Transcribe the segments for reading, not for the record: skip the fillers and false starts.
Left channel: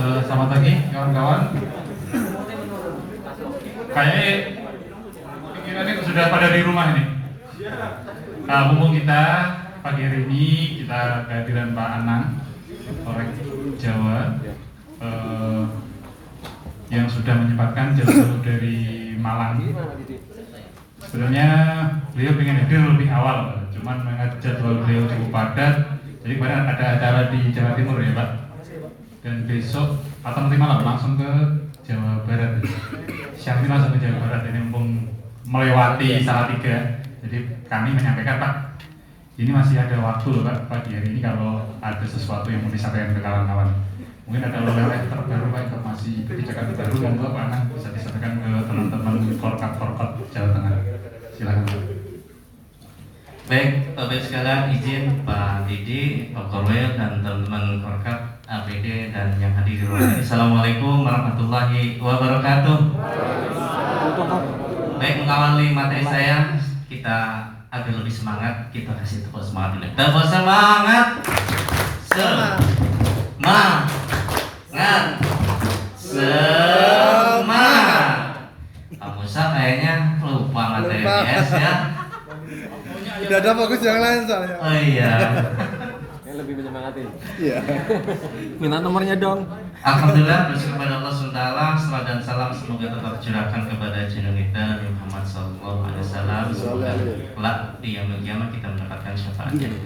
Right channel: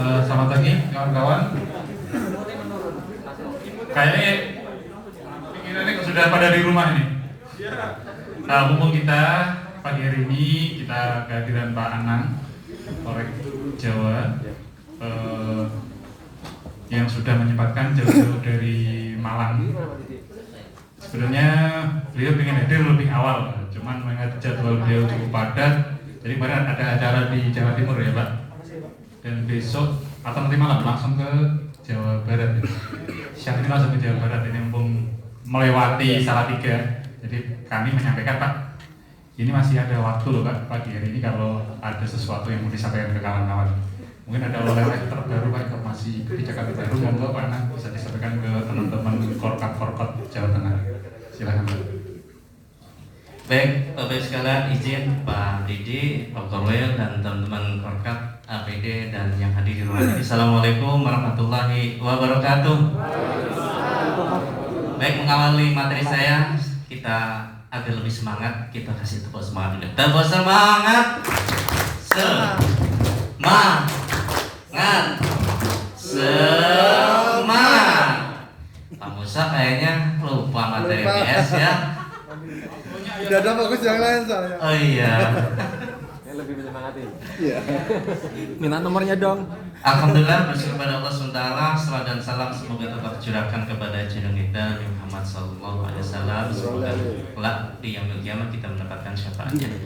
Selamat pagi kawan-kawan. Kayaknya pikirannya sudah pada di rumah ini. Mumpung kita pagi hari ini kita kehadiran Pak Anang, Polres Jawa, yang sudah menyempatkan jauh-jauh dari Malang. Sebenarnya beliau ingin hadir lebih awal, cuman mengingat jadwal beliau cukup padat. Jadi kemarin ada acara di Jawa Timur ya Pak, dan besok atau nanti malam langsung ke Jawa Barat. Siang ini langsung ke Jawa Barat, ini mumpung melewati Salatiga. Jadi kami menyampaikan Pak, ini masih ada waktu loh Pak, pagi hari ini kalau ada sesuatu yang mau disampaikan ke kawan-kawan. Mungkin ada oleh-oleh terbaru Pak, informasi kebijakan terbaru yang Pak bisa disampaikan ke teman-teman Forkap Jawa Tengah. Silakan Pak. Baik, Bapak sekalian, izin Pak Didi, Pak Korwil, dan teman-teman Forkap, APD, dan yang hadir di rumah ini. Assalamualaikum warahmatullahi wabarakatuh. Baik, mengawali materi saya, kita agar lebih semangat, kita kasih tepuk semangat dulu. Tepuk semangat. Semangat. Semangat. Pak Musa kayaknya lupa materi PS ya. Udah ada fokus yang lain soalnya. Oh iya. Ini lebih menyemangatin. Iya. Minta nomornya dong. Alhamdulillah, bersyukur kepada Allah SWT. Salam dan salam semoga tetap tercurahkan kepada junjungan kita Muhammad Sallallahu Alaihi Wasallam. Semoga kelak di yaumil qiyamah kita mendapatkan syafaatnya.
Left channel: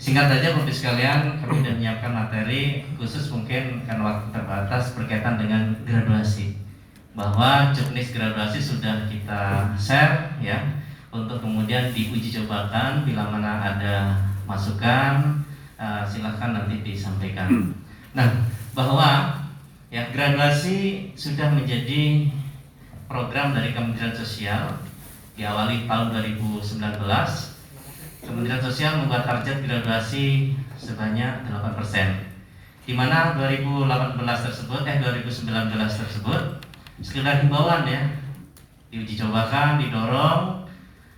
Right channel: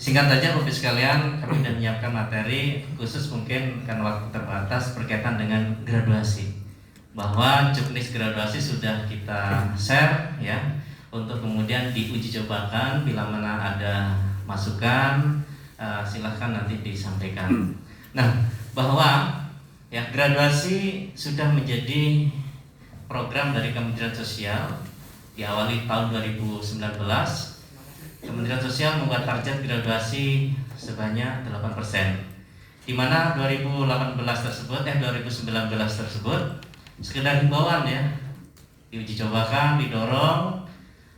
Singkat saja Bapak sekalian, kami sudah menyiapkan materi khusus mungkin karena waktu terbatas berkaitan dengan graduasi. Bahwa juknis graduasi sudah kita share ya, untuk kemudian diuji cobakan. Bila mana ada masukan, silahkan nanti disampaikan. Nah, bahwa ya graduasi sudah menjadi program dari Kementerian Sosial. Diawali tahun 2019, Kementerian Sosial membuat target graduasi sebanyak 8%. Di mana 2019 tersebut sekedar himbauan ya, diuji cobakan, didorong,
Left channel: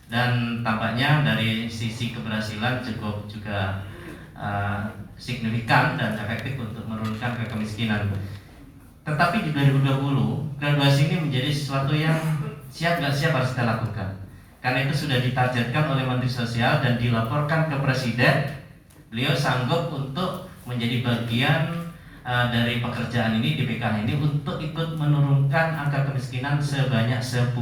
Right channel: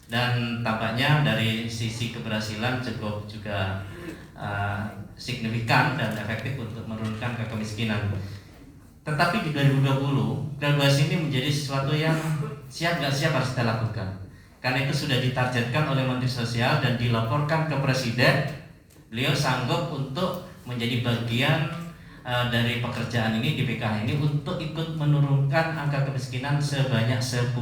dan tampaknya dari sisi keberhasilan cukup juga signifikan dan efektif untuk menurunkan kemiskinan. Tetapi di 2020 graduasi ini menjadi sesuatu yang siap nggak siap harus kita lakukan. Karena itu sudah ditargetkan oleh Menteri Sosial dan dilaporkan ke Presiden. Beliau sanggup untuk menjadi bagian dari pekerjaan ini di PKH ini untuk ikut menurunkan angka kemiskinan sebanyak 10%.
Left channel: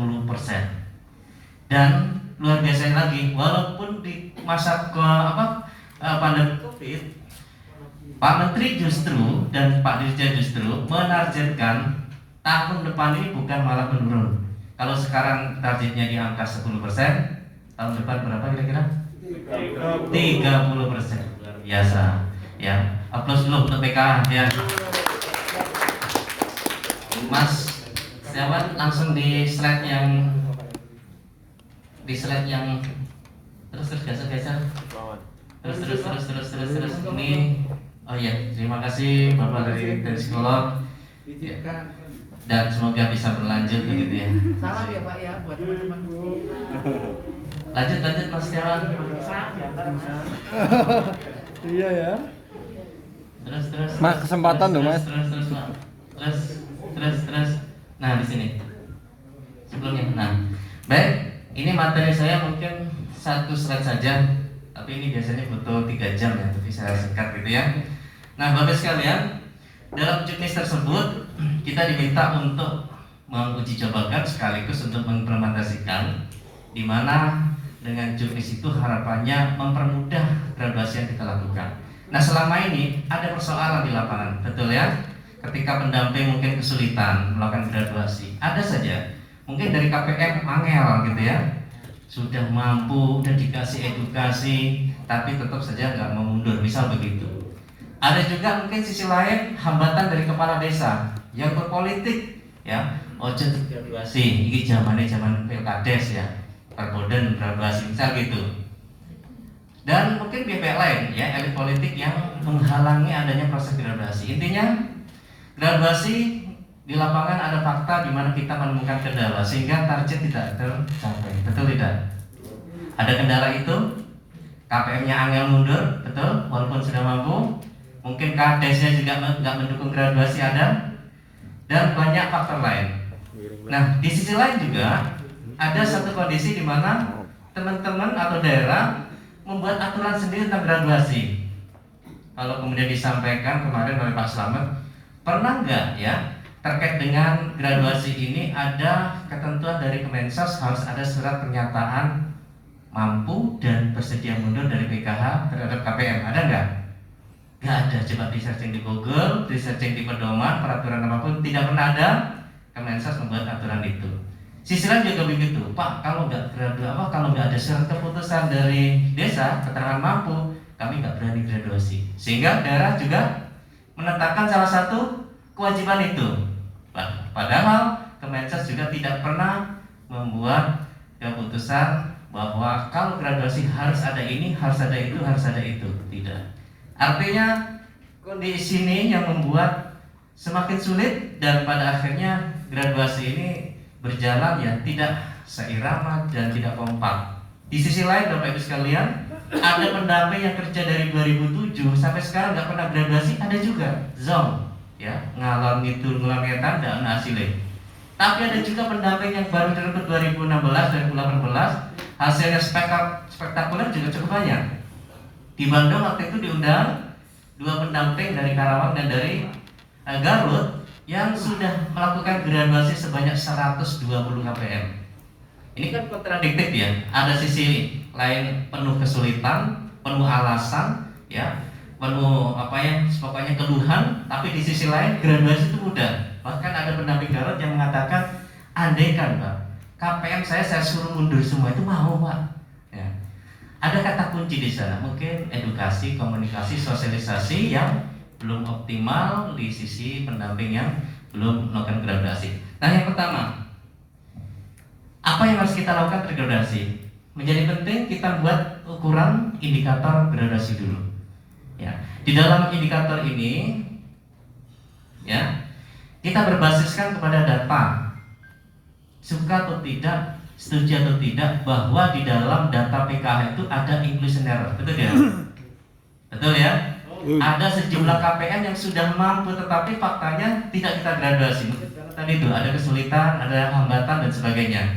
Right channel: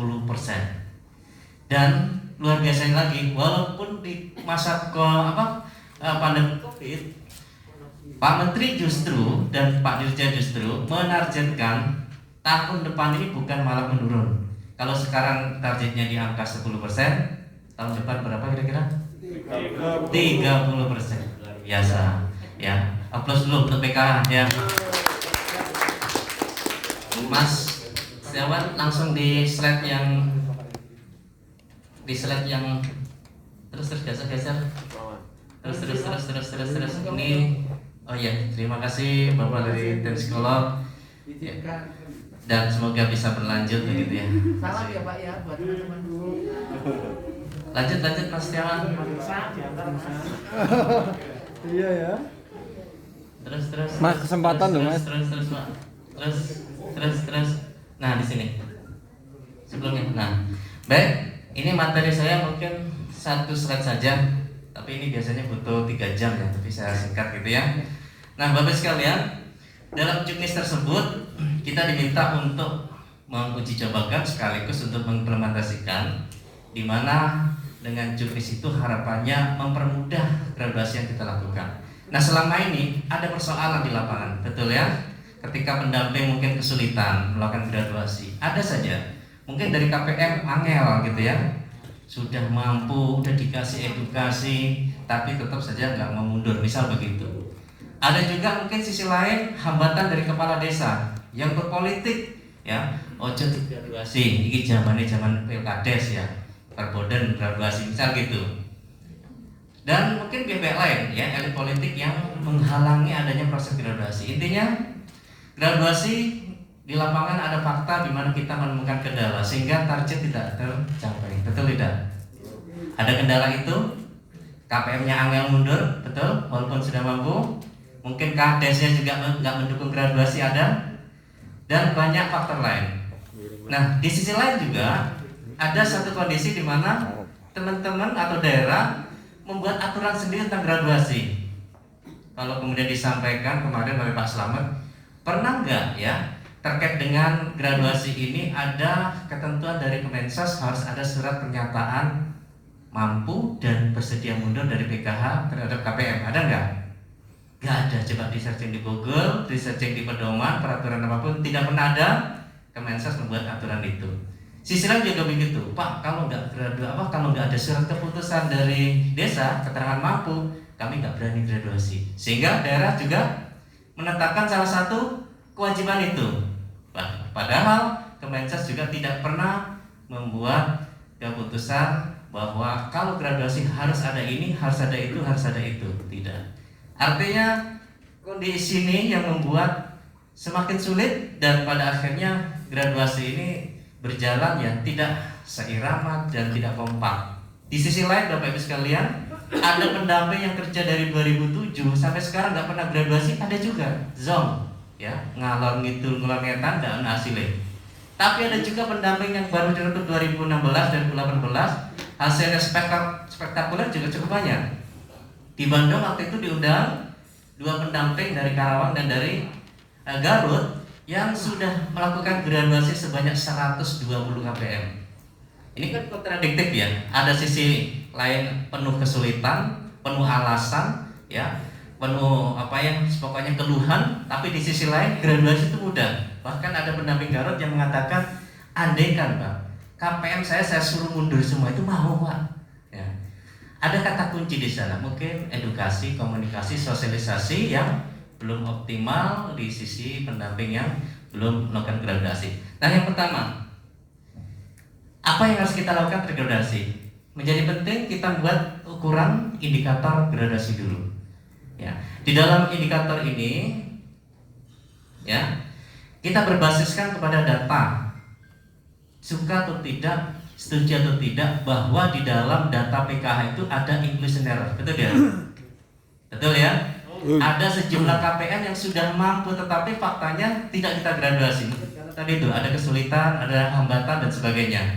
Dan luar biasa lagi, walaupun di masa pandemi COVID, Pak Menteri justru dan Pak Dirjen justru menargetkan tahun depan ini bukan malah menurun. Kalau sekarang targetnya di angka 10%, tahun depan berapa kira-kira? 30%. Luar biasa. Ya, aplaus dulu untuk PKH ya. Mas Setiawan, langsung di slide yang terus geser. Terus ini. Oh iya, terima kasih Bapak dari tim psikolog ya. Dan semoga bisa berlanjut begitu ya. Salam ya Pak ya buat teman-teman. Lanjut Mas Setiawan. Iya ya. Terus. Mas, kesempatan dong, Mas. Terus Pak. Terus. Nah, di sini. Sebelumnya. Nah, baik, ini materi saya mungkin satu slide saja. Tapi ini biasanya butuh 3 jam ya, tapi saya singkat gitu ya. Nah, Bapak sekalian, dalam juknis tersebut kita diminta untuk menguji cobakan sekaligus untuk mengimplementasikan, di mana dengan juknis itu harapannya mempermudah graduasi yang kita lakukan. Nah, selama ini ada persoalan di lapangan, betul ya? Ketika pendamping mungkin kesulitan melakukan graduasi, ada saja mungkin dari KPM angel gitu ya, sudah mampu, udah dikasih edukasi, tapi tetap saja nggak mau mundur, misal begitu. Ada juga mungkin sisi lain hambatan dari kepala desa yang berpolitik ya, ojo graduasi, ini zaman pilkades ya, terbodan graduasi misal gitu. Dan mungkin pihak lain ya, elit politik yang menghalangi adanya proses graduasi. Intinya graduasi di lapangan ada fakta di mana kita menemukan kendala sehingga target tidak tercapai, betul tidak? Ada kendala itu, KPM-nya angel mundur, betul, walaupun sudah mampu. mungkin kadesnya juga nggak mendukung graduasi ada, dan banyak faktor lain. Nah, di sisi lain juga ada satu kondisi di mana teman-teman atau daerah membuat aturan sendiri tentang graduasi. Kalau kemudian disampaikan kemarin oleh Pak Slamet, pernah nggak ya terkait dengan graduasi ini ada ketentuan dari Kemensos harus ada surat pernyataan mampu dan bersedia mundur dari PKH terhadap KPM, ada nggak? Nggak ada. Coba di searching di Google, di searching di pedoman, peraturan apapun, tidak pernah ada Kemensos membuat aturan itu. Sisi lain juga begitu, Pak. Kalau nggak kalau nggak ada surat keputusan dari desa keterangan mampu, kami nggak berani graduasi. Sehingga daerah juga menetapkan salah satu kewajiban itu. Padahal Kemensos juga tidak pernah membuat keputusan bahwa kalau graduasi harus ada ini, harus ada itu, harus ada itu. Tidak. Artinya kondisi ini yang membuat semakin sulit dan pada akhirnya graduasi ini berjalan yang tidak seirama dan tidak kompak. Di sisi lain Bapak Ibu sekalian, ada pendamping yang kerja dari 2007 sampai sekarang nggak pernah graduasi, ada juga zong, ya ngalor ngidul ngelongetan dan hasilnya. Tapi ada juga pendamping yang baru direkrut 2016 dan 2018, hasilnya spektakuler juga cukup banyak. Di Bandung waktu itu diundang 2 pendamping dari Karawang dan dari Garut yang sudah melakukan graduasi sebanyak 120 KPM. Ini kan kontradiktif ya. Ada sisi lain penuh kesulitan, penuh alasan, ya, penuh pokoknya keluhan. Tapi di sisi lain graduasi itu mudah. Bahkan ada pendamping Garut yang mengatakan, andaikan Pak, KPM saya suruh mundur semua itu mau Pak. Ya. Ada kata kunci di sana, mungkin edukasi, komunikasi, sosialisasi yang belum optimal di sisi pendamping yang belum melakukan gradasi. Nah, yang pertama, apa yang harus kita lakukan tergradasi? Menjadi penting kita buat ukuran indikator gradasi dulu. Ya, di dalam indikator ini, ya, kita berbasiskan kepada data. Suka atau tidak, setuju atau tidak, bahwa di dalam data PKH itu ada inclusion error, betul ya? Betul ya? Ada sejumlah KPM yang sudah mampu tetapi faktanya tidak kita graduasi. Tadi itu ada kesulitan, ada hambatan dan sebagainya.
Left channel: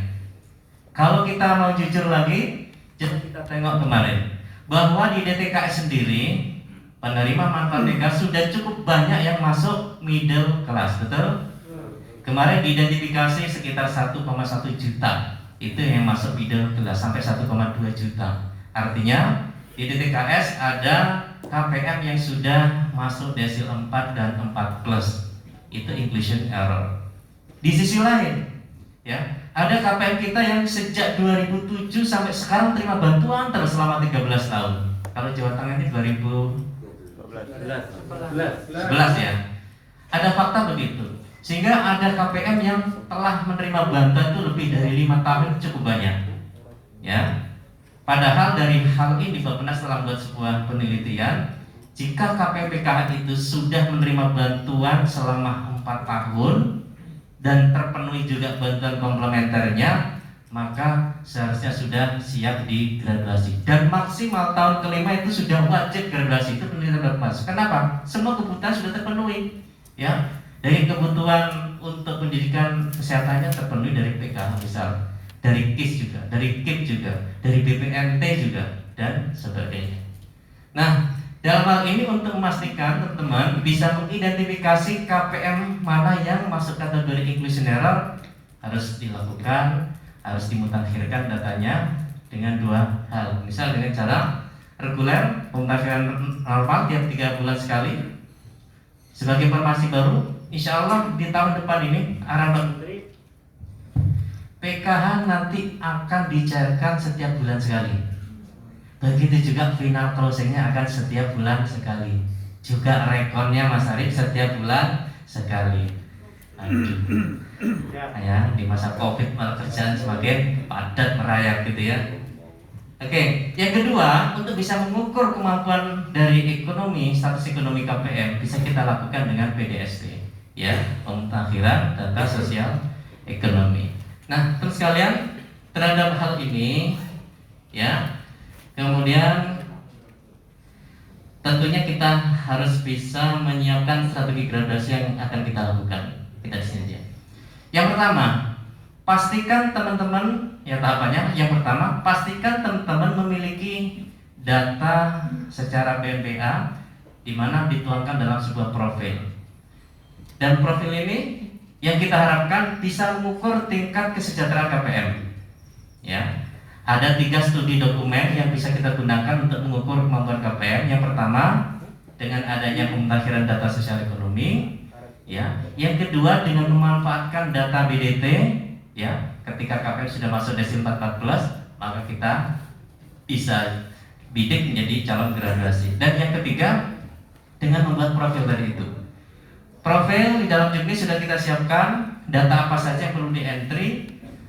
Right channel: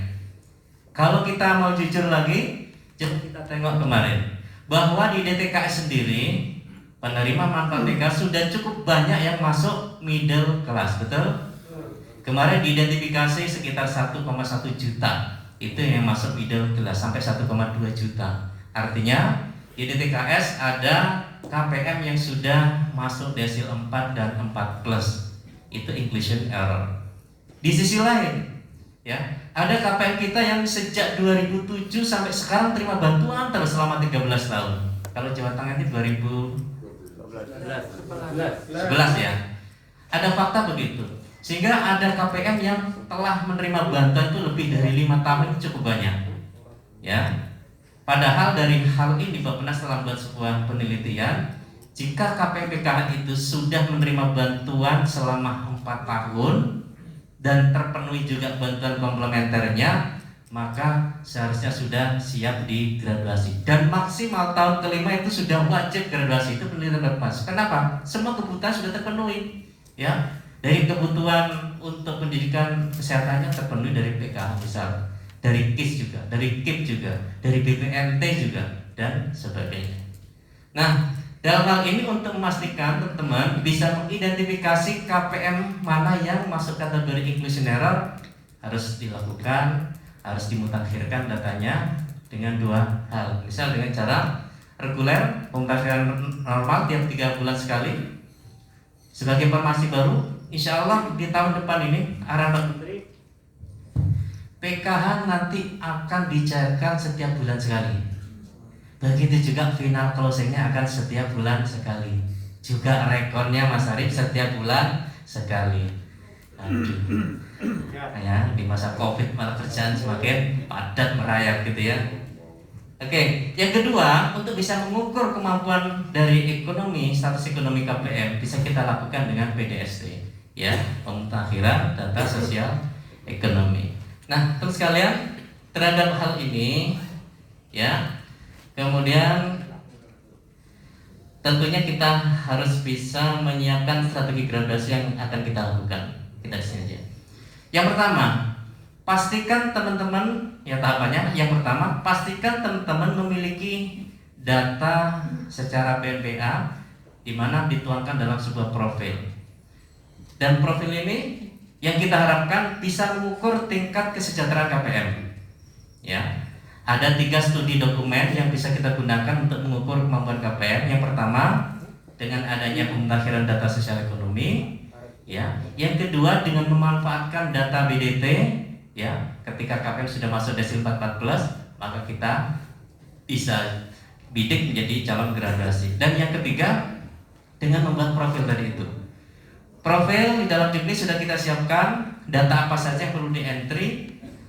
Kalau kita mau jujur lagi, coba kita tengok kemarin bahwa di DTKS sendiri penerima manfaat TK sudah cukup banyak yang masuk middle class, betul? Kemarin diidentifikasi sekitar 1,1 juta itu yang masuk middle class sampai 1,2 juta. Artinya di DTKS ada KPM yang sudah masuk desil 4 dan 4 plus. Itu inclusion error. Di sisi lain, ya, ada KPM kita yang sejak 2007 sampai sekarang terima bantuan terus selama 13 tahun. Kalau Jawa Tengah ini 2011 ya. Ada fakta begitu. Sehingga ada KPM yang telah menerima bantuan itu lebih dari 5 tahun, cukup banyak. Ya. Padahal dari hal ini Bappenas telah membuat sebuah penelitian, jika KPM PKH itu sudah menerima bantuan selama 4 tahun dan terpenuhi juga bantuan komplementernya, maka seharusnya sudah siap digraduasi. Dan maksimal tahun kelima itu sudah wajib graduasi. Itu penelitian Bappenas. Kenapa? Semua kebutuhan sudah terpenuhi. Ya, dari kebutuhan untuk pendidikan kesehatannya terpenuhi dari PKH misal, dari KIS juga, dari KIP juga, dari BPNT juga, dan sebagainya. Nah, dalam hal ini untuk memastikan teman-teman bisa mengidentifikasi KPM mana yang masuk kategori inclusion error, harus dilakukan, harus dimutakhirkan datanya dengan 2 hal. Misal dengan cara reguler, pemutakhiran normal tiap 3 bulan sekali. Sebagai informasi baru, insya Allah di tahun depan ini arahan Menteri PKH nanti akan dicairkan setiap bulan sekali. Begitu juga final closingnya akan setiap bulan sekali. Juga rekornya Mas Arif setiap bulan sekali. Aduh. Ya, di masa Covid malah kerjaan semakin padat merayap gitu ya. Oke, yang kedua, untuk bisa mengukur kemampuan dari ekonomi, status ekonomi KPM bisa kita lakukan dengan PDST, ya, pemutakhiran data sosial ekonomi. Nah, teman sekalian, terhadap hal ini, ya, kemudian tentunya kita harus bisa menyiapkan strategi gradasi yang akan kita lakukan. Kita di sini aja. Yang pertama, pastikan teman-teman, ya tahapannya. Yang pertama, pastikan teman-teman memiliki data secara PMBA di mana dituangkan dalam sebuah profil. Dan profil ini yang kita harapkan bisa mengukur tingkat kesejahteraan KPM. Ya, ada 3 studi dokumen yang bisa kita gunakan untuk mengukur kemampuan KPM. Yang pertama, dengan adanya pemutakhiran data sosial ekonomi, ya. Yang kedua, dengan memanfaatkan data BDT, ya. Ketika KPM sudah masuk desil 44+, maka kita bisa bidik menjadi calon gradasi. Dan yang ketiga, dengan membuat profil tadi itu. Profil di dalam juknis sudah kita siapkan data apa saja yang perlu di entry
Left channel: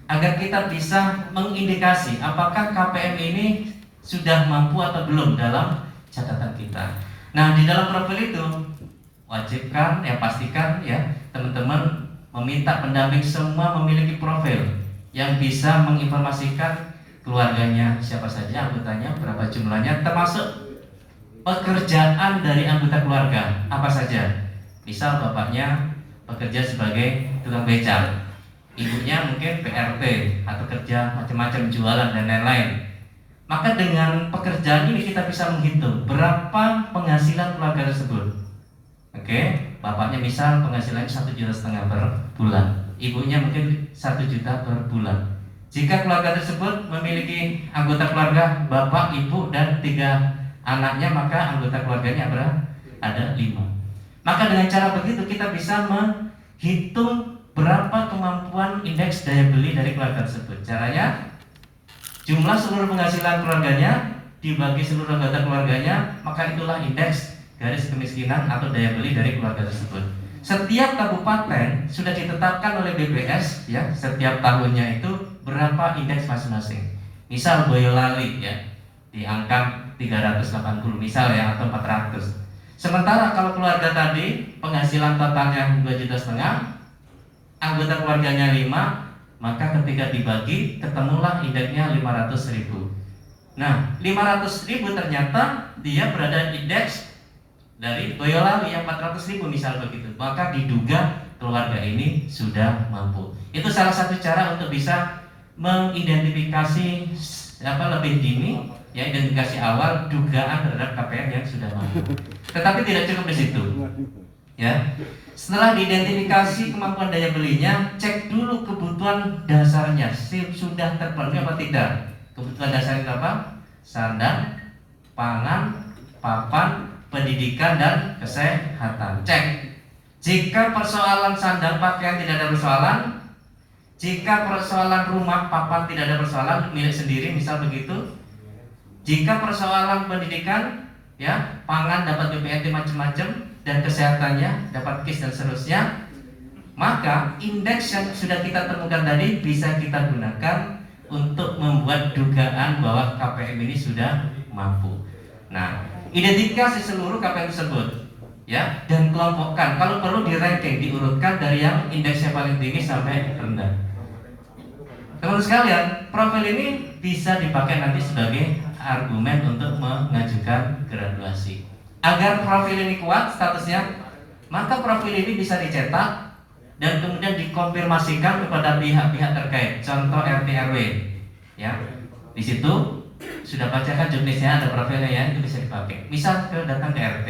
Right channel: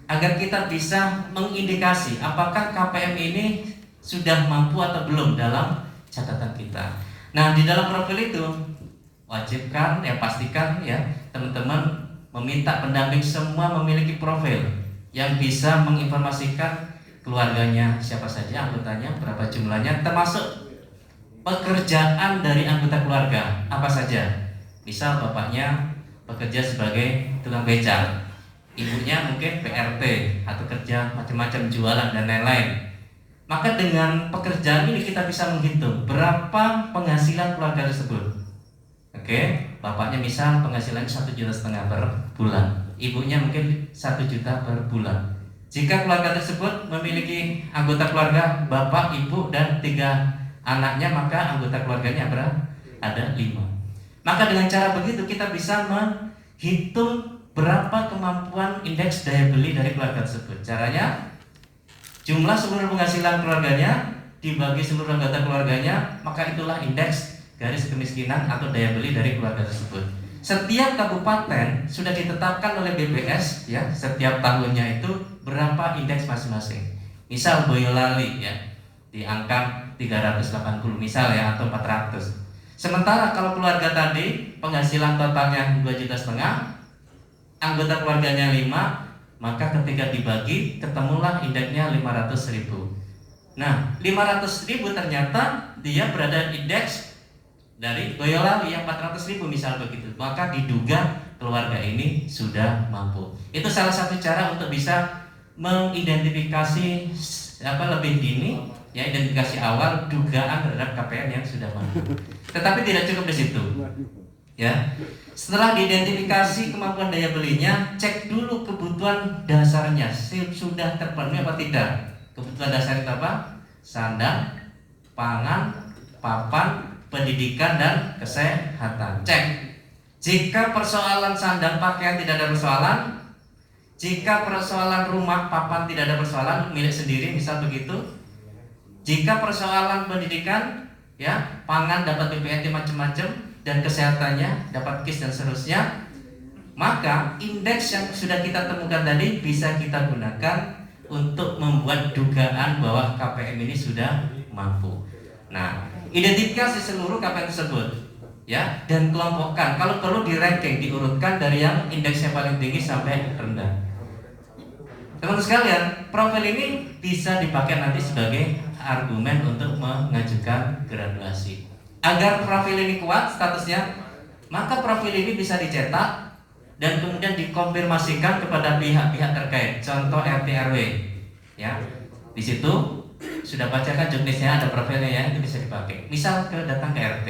agar kita bisa mengindikasi apakah KPM ini sudah mampu atau belum dalam catatan kita. Nah, di dalam profil itu wajibkan, ya pastikan ya teman-teman meminta pendamping semua memiliki profil yang bisa menginformasikan keluarganya, siapa saja anggotanya, berapa jumlahnya, termasuk pekerjaan dari anggota keluarga apa saja. Misal bapaknya bekerja sebagai tukang beca, ibunya mungkin PRT atau kerja macam-macam jualan dan lain-lain. Maka dengan pekerjaan ini kita bisa menghitung berapa penghasilan keluarga tersebut. Oke, bapaknya misal penghasilannya 1,5 juta per bulan, ibunya mungkin 1 juta per bulan. Jika keluarga tersebut memiliki anggota keluarga bapak, ibu dan 3 anaknya, maka anggota keluarganya berapa? Ada 5. Maka dengan cara begitu kita bisa menghitung berapa kemampuan indeks daya beli dari keluarga tersebut. Caranya, jumlah seluruh penghasilan keluarganya dibagi seluruh anggota keluarganya, maka itulah indeks garis kemiskinan atau daya beli dari keluarga tersebut. Setiap kabupaten sudah ditetapkan oleh BPS, ya, setiap tahunnya itu berapa indeks masing-masing. Misal Boyolali ya di angka 380 misal ya, atau 400. Sementara kalau keluarga tadi penghasilan totalnya 2,5 juta, anggota keluarganya 5, maka ketika dibagi ketemulah indeksnya 500.000. Nah, 500.000 ternyata dia berada indeks dari Boyolali yang 400.000 misal begitu. Maka diduga keluarga ini sudah mampu. Itu salah satu cara untuk bisa mengidentifikasi lebih dini, ya, identifikasi awal dugaan terhadap KPM yang sudah mampu. Tetapi tidak cukup di situ. Ya. Setelah diidentifikasi kemampuan daya belinya, cek dulu kebutuhan dasarnya sudah terpenuhi apa tidak. Kebutuhan dasar itu apa? Sandang, pangan, papan, pendidikan dan kesehatan. Cek. Jika persoalan sandang pakaian tidak ada persoalan, jika persoalan rumah papan tidak ada persoalan milik sendiri misal begitu, jika persoalan pendidikan, ya, pangan dapat BPNT macam-macam dan kesehatannya dapat KIS dan seterusnya, maka indeks yang sudah kita temukan tadi bisa kita gunakan untuk membuat dugaan bahwa KPM ini sudah mampu. Nah, identifikasi seluruh KPM tersebut, ya, dan kelompokkan. Kalau perlu di ranking, diurutkan dari yang indeksnya paling tinggi sampai rendah. Teman-teman sekalian, profil ini bisa dipakai nanti sebagai argumen untuk mengajukan graduasi. Agar profil ini kuat statusnya, maka profil ini bisa dicetak dan kemudian dikonfirmasikan kepada pihak-pihak terkait. Contoh RT RW, ya, di situ sudah bacakan juknisnya, ada profilnya ya, itu bisa dipakai. Misal datang ke RT,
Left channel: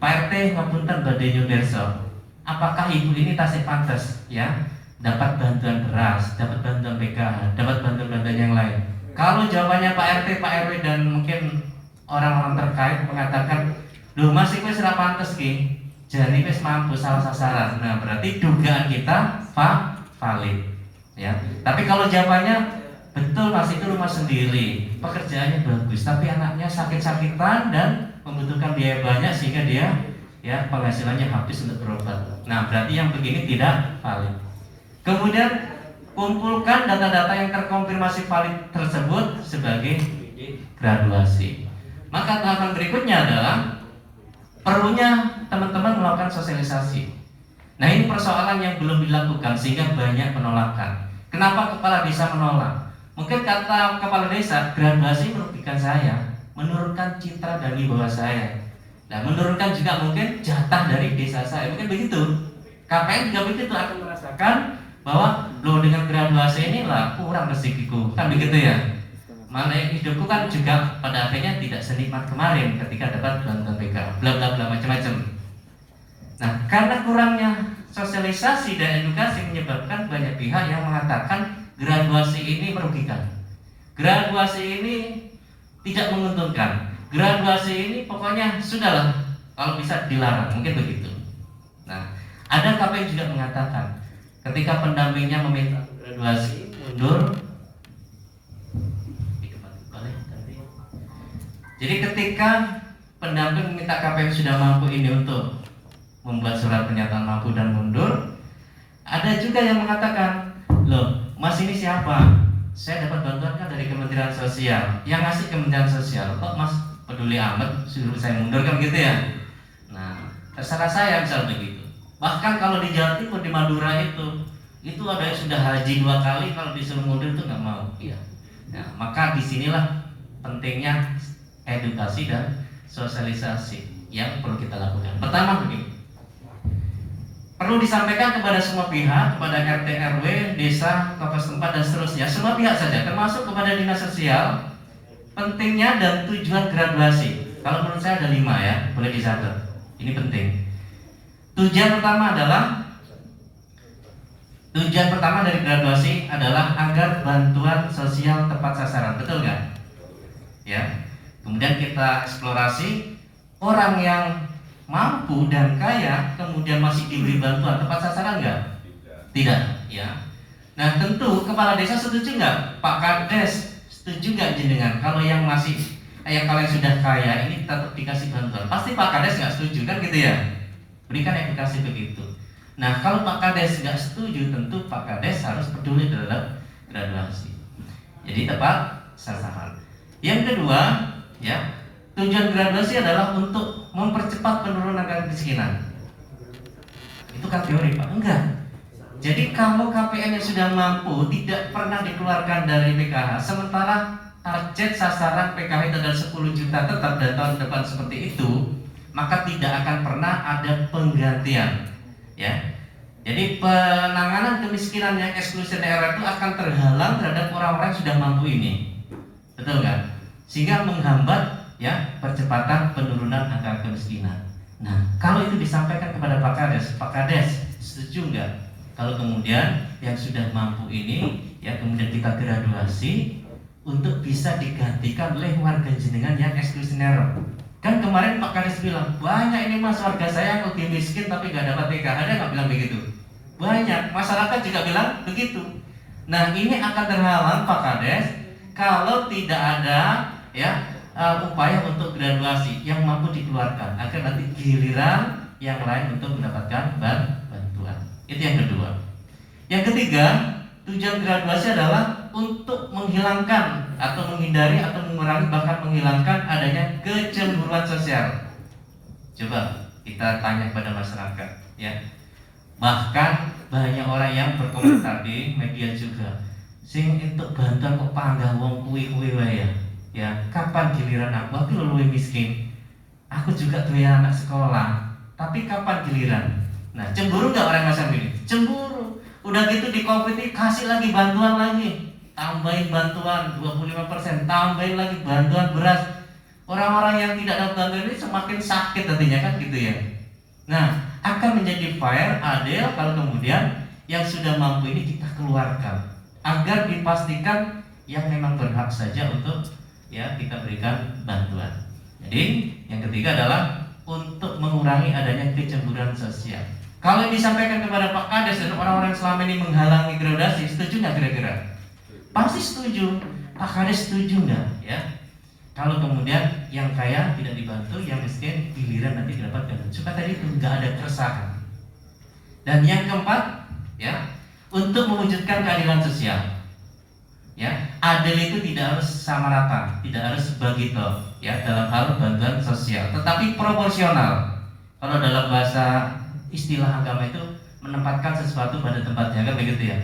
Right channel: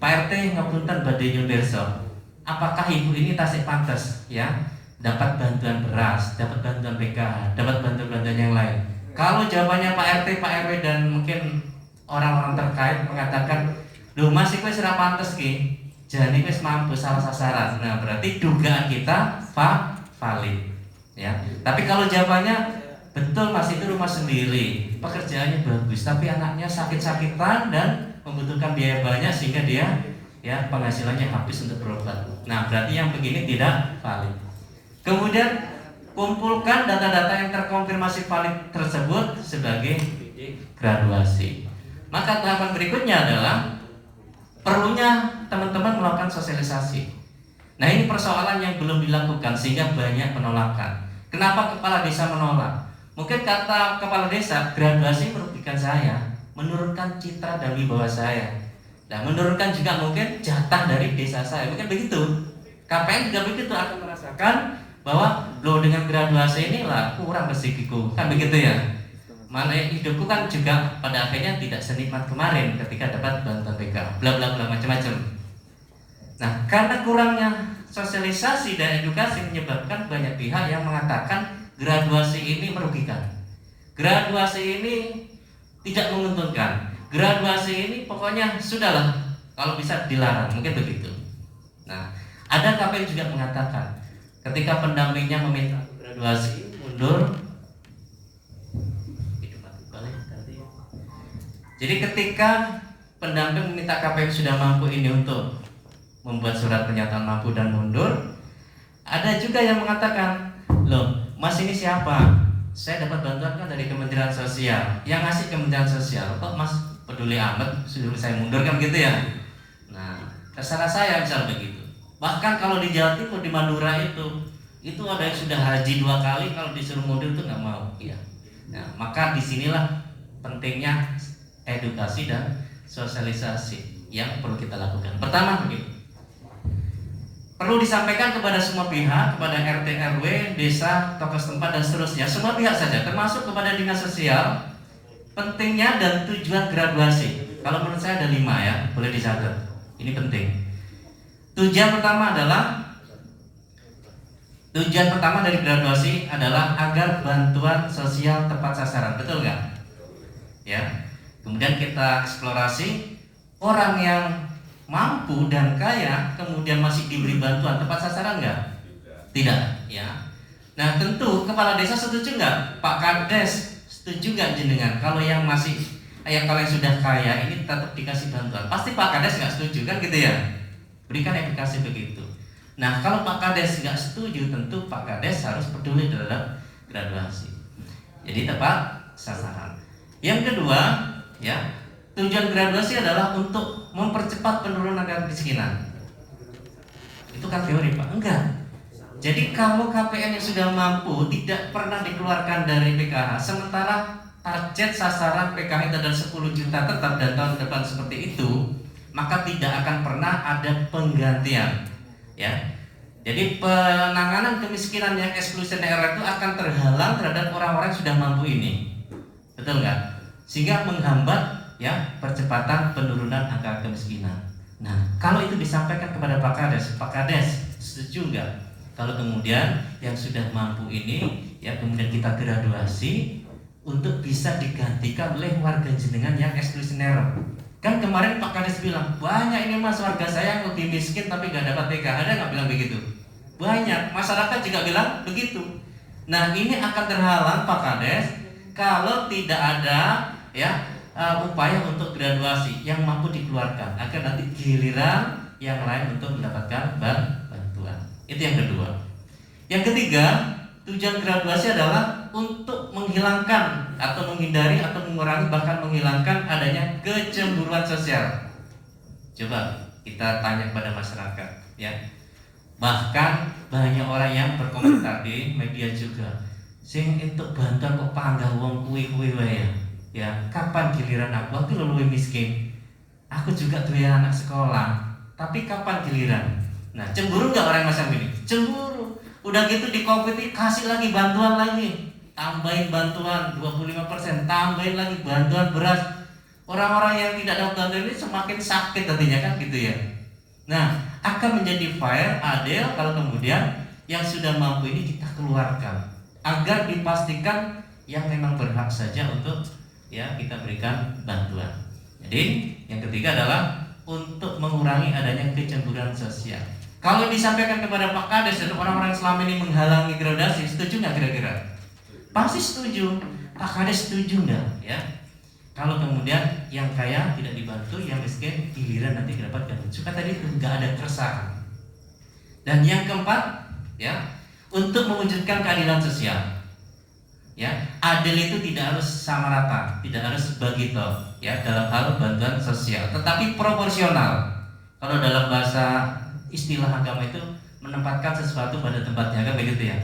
Pak RT ngapunten badhe nyuwirsa, apakah ibu ini tasik pantes, ya, dapat bantuan beras, dapat bantuan PKH, dapat bantuan-bantuan yang lain. Kalau jawabannya Pak RT, Pak RW dan mungkin orang-orang terkait mengatakan, loh Mas ini sudah pantes ki, jadi wis mampu salah sasaran. Nah, berarti dugaan kita valid, ya. Tapi kalau jawabannya betul Mas itu rumah sendiri, pekerjaannya bagus, tapi anaknya sakit-sakitan dan membutuhkan biaya banyak sehingga dia, ya, penghasilannya habis untuk berobat. Nah, berarti yang begini tidak valid. Kemudian kumpulkan data-data yang terkonfirmasi valid tersebut sebagai graduasi. Maka tahapan berikutnya adalah perlunya teman-teman melakukan sosialisasi. Nah, ini persoalan yang belum dilakukan sehingga banyak penolakan. Kenapa kepala desa menolak? Mungkin kata kepala desa, graduasi merugikan saya, menurunkan citra dan wibawa saya. Nah, menurunkan juga mungkin jatah dari desa saya, mungkin begitu. KPN juga begitu, akan merasakan bahwa lo dengan graduasi inilah kurang rezekiku, kan begitu ya. Mana yang hidupku kan juga pada akhirnya tidak senikmat kemarin ketika dapat bantuan PK, bla bla bla macam-macam. Nah, karena kurangnya sosialisasi dan edukasi menyebabkan banyak pihak yang mengatakan graduasi ini merugikan, graduasi ini tidak menguntungkan, graduasi ini pokoknya sudahlah, kalau bisa dilarang, mungkin begitu. Nah, ada KPN juga mengatakan ketika pendampingnya meminta graduasi mundur. Jadi ketika pendamping meminta KPN sudah mampu ini untuk membuat surat pernyataan mampu dan mundur, ada juga yang mengatakan, loh mas ini siapa? Saya dapat bantuan kan dari Kementerian Sosial, yang ngasih Kementerian Sosial, kok mas peduli amat suruh saya mundur kan gitu ya. Nah terserah saya misal begitu. Bahkan kalau di Jawa Timur, di Madura itu ada yang sudah haji 2 kali, kalau disuruh mundur itu nggak mau ya. Nah, maka disinilah pentingnya edukasi dan sosialisasi yang perlu kita lakukan. Pertama begini, perlu disampaikan kepada semua pihak, kepada RT RW, desa, tokoh setempat dan seterusnya, semua pihak saja, termasuk kepada dinas sosial, pentingnya dan tujuan graduasi. Kalau menurut saya ada 5 ya, boleh dicatat. Ini penting. Tujuan pertama dari graduasi adalah agar bantuan sosial tepat sasaran, betul nggak? Ya. Kemudian kita eksplorasi orang yang mampu dan kaya kemudian masih diberi bantuan tepat sasaran nggak? Tidak, ya. Nah tentu kepala desa setuju nggak? Pak Kades setuju nggak jenengan? Kalau yang kalian sudah kaya ini tetap dikasih bantuan, pasti Pak Kades nggak setuju kan gitu ya? Berikan edukasi begitu. Nah kalau Pak Kades nggak setuju, tentu Pak Kades harus peduli terhadap graduasi. Jadi tepat sasaran. Yang kedua, ya, tujuan graduasi adalah untuk mempercepat penurunan angka kemiskinan. Itu kan teori Pak? Enggak. Jadi kalau KPN yang sudah mampu tidak pernah dikeluarkan dari PKH, sementara target sasaran PKH itu adalah 10 juta tetap dan tahun depan seperti itu, maka tidak akan pernah ada penggantian. Ya. Jadi penanganan kemiskinan yang eksklusi daerah itu akan terhalang terhadap orang-orang yang sudah mampu ini. Betul nggak? Sehingga menghambat ya percepatan penurunan angka kemiskinan. Nah, kalau itu disampaikan kepada Pak Kades setuju nggak? Kalau kemudian yang sudah mampu ini ya kemudian kita graduasi untuk bisa digantikan oleh warga jenengan yang eksklusi daerah. Kan kemarin Pak Kades bilang banyak ini mas warga saya yang lebih miskin tapi nggak dapat PK. Ada nggak bilang begitu? Banyak, masyarakat juga bilang begitu. Nah ini akan terhalang Pak Kades kalau tidak ada ya upaya untuk graduasi yang mampu dikeluarkan agar nanti giliran yang lain untuk mendapatkan bantuan. Itu yang kedua. Yang ketiga, tujuan graduasi adalah untuk menghilangkan atau menghindari atau mengurangi bahkan menghilangkan adanya kecemburuan sosial. Coba kita tanya pada masyarakat ya. Bahkan banyak orang yang berkomentar di media juga, sing untuk bantuan kok panggah wong kuwi wae ya. Kapan giliran aku luwih miskin. Aku juga punya anak sekolah, tapi kapan giliran? Nah, cemburu nggak orang macam ini? Cemburu. Udah gitu di Covid ini kasih lagi bantuan lagi. Tambahin bantuan 25%, tambahin lagi bantuan beras. Orang-orang yang tidak dapat bantuan ini semakin sakit nantinya kan gitu ya. Nah, akan menjadi fair, adil kalau kemudian yang sudah mampu ini kita keluarkan agar dipastikan yang memang berhak saja untuk ya kita berikan bantuan. Jadi yang ketiga adalah untuk mengurangi adanya kecemburuan sosial. Kalau yang disampaikan kepada Pak Kades dan orang-orang selama ini menghalangi graduasi, setuju nggak kira-kira? Pasti setuju. Pak Kades setuju nggak? Ya. Kalau kemudian yang kaya tidak dibantu, yang miskin giliran nanti didapatkan. Supaya tadi itu nggak ada keresahan. Dan yang keempat, ya, untuk mewujudkan keadilan sosial. Ya, adil itu tidak harus sama rata, tidak harus begitu, ya, dalam hal bantuan sosial, tetapi proporsional. Kalau dalam bahasa istilah agama itu menempatkan sesuatu pada tempatnya, kan begitu ya.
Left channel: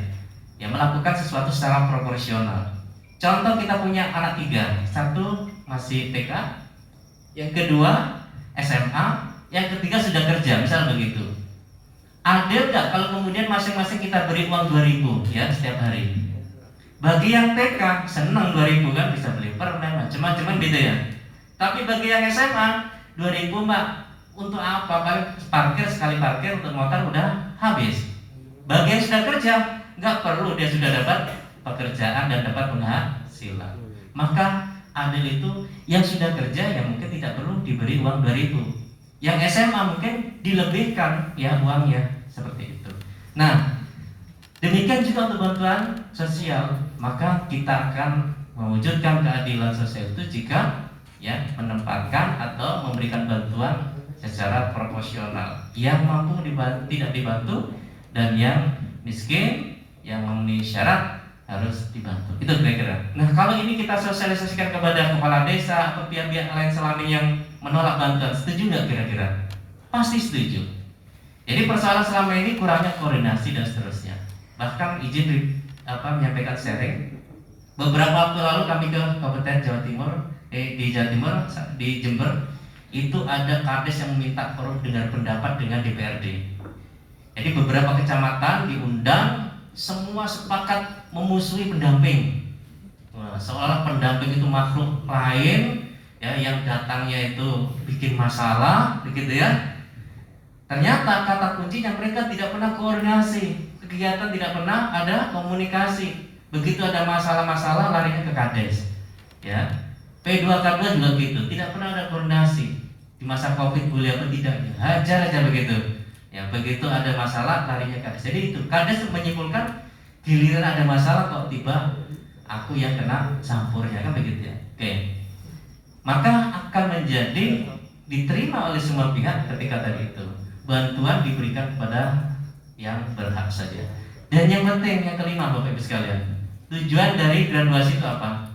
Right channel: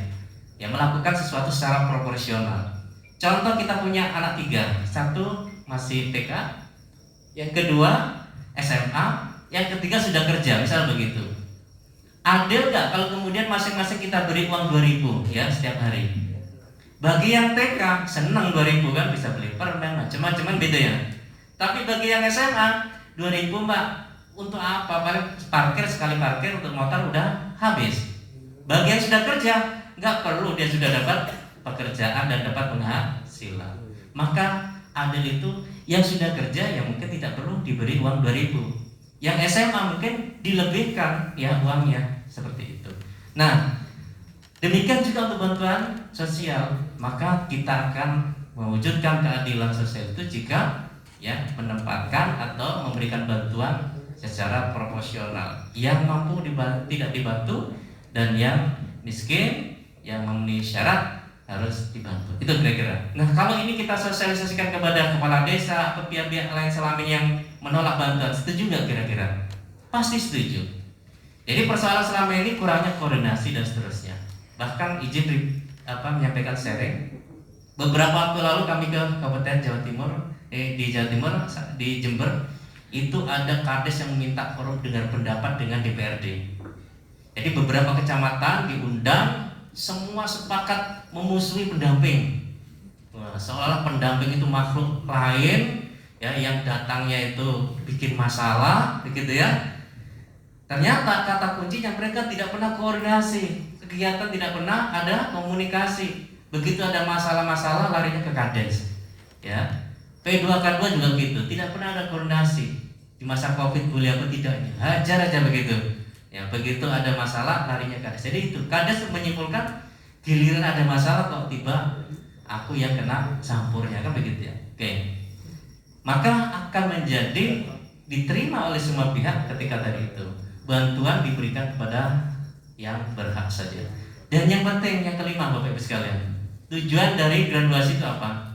Ya, melakukan sesuatu secara proporsional. Contoh kita punya anak 3, satu masih TK, yang kedua SMA, yang ketiga sudah kerja, misal begitu. Ada nggak kalau kemudian masing-masing kita beri uang 2.000 ya setiap hari? Bagi yang TK seneng 2.000 kan, bisa beli permen, macam-macam beda ya. Tapi bagi yang SMA 2.000 Mbak, untuk apa? Paling parkir, sekali parkir untuk motor udah habis. Bagi yang sudah kerja nggak perlu, dia sudah dapat pekerjaan dan dapat penghasilan. Maka adil itu yang sudah kerja ya mungkin tidak perlu diberi uang 2.000. Yang SMA mungkin dilebihkan ya uangnya, seperti itu. Nah, demikian juga untuk bantuan sosial, maka kita akan mewujudkan keadilan sosial itu jika ya menempatkan atau memberikan bantuan secara proporsional. Yang mampu tidak dibantu dan yang miskin yang memenuhi syarat harus dibantu. Itu kira-kira. Nah, kalau ini kita sosialisasikan kepada kepala desa atau pihak-pihak lain selama ini yang menolak bantuan, setuju nggak kira-kira? Pasti setuju. Jadi persoalan selama ini kurangnya koordinasi dan seterusnya. Bahkan izin menyampaikan sharing. Beberapa waktu lalu kami ke Kabupaten Jawa Timur, di Jawa Timur, di Jember, itu ada kades yang meminta forum dengar pendapat dengan DPRD. Jadi beberapa kecamatan diundang, semua sepakat memusuhi pendamping. Seolah pendamping itu makhluk lain ya, yang datangnya itu bikin masalah, begitu ya. Ternyata kata kuncinya mereka tidak pernah koordinasi, kegiatan tidak pernah ada komunikasi. Begitu ada masalah-masalah larinya ke kades. Ya. P2K2 juga gitu, tidak pernah ada koordinasi. Di masa Covid boleh apa tidaknya, hajar aja begitu. Ya, begitu ada masalah larinya ke kades. Jadi itu kades menyimpulkan giliran ada masalah kok tiba aku yang kena campurnya, kan begitu ya. Oke. Maka akan menjadi diterima oleh semua pihak ketika tadi itu bantuan diberikan kepada yang berhak saja. Dan yang penting yang kelima Bapak Ibu sekalian, tujuan dari graduasi itu apa?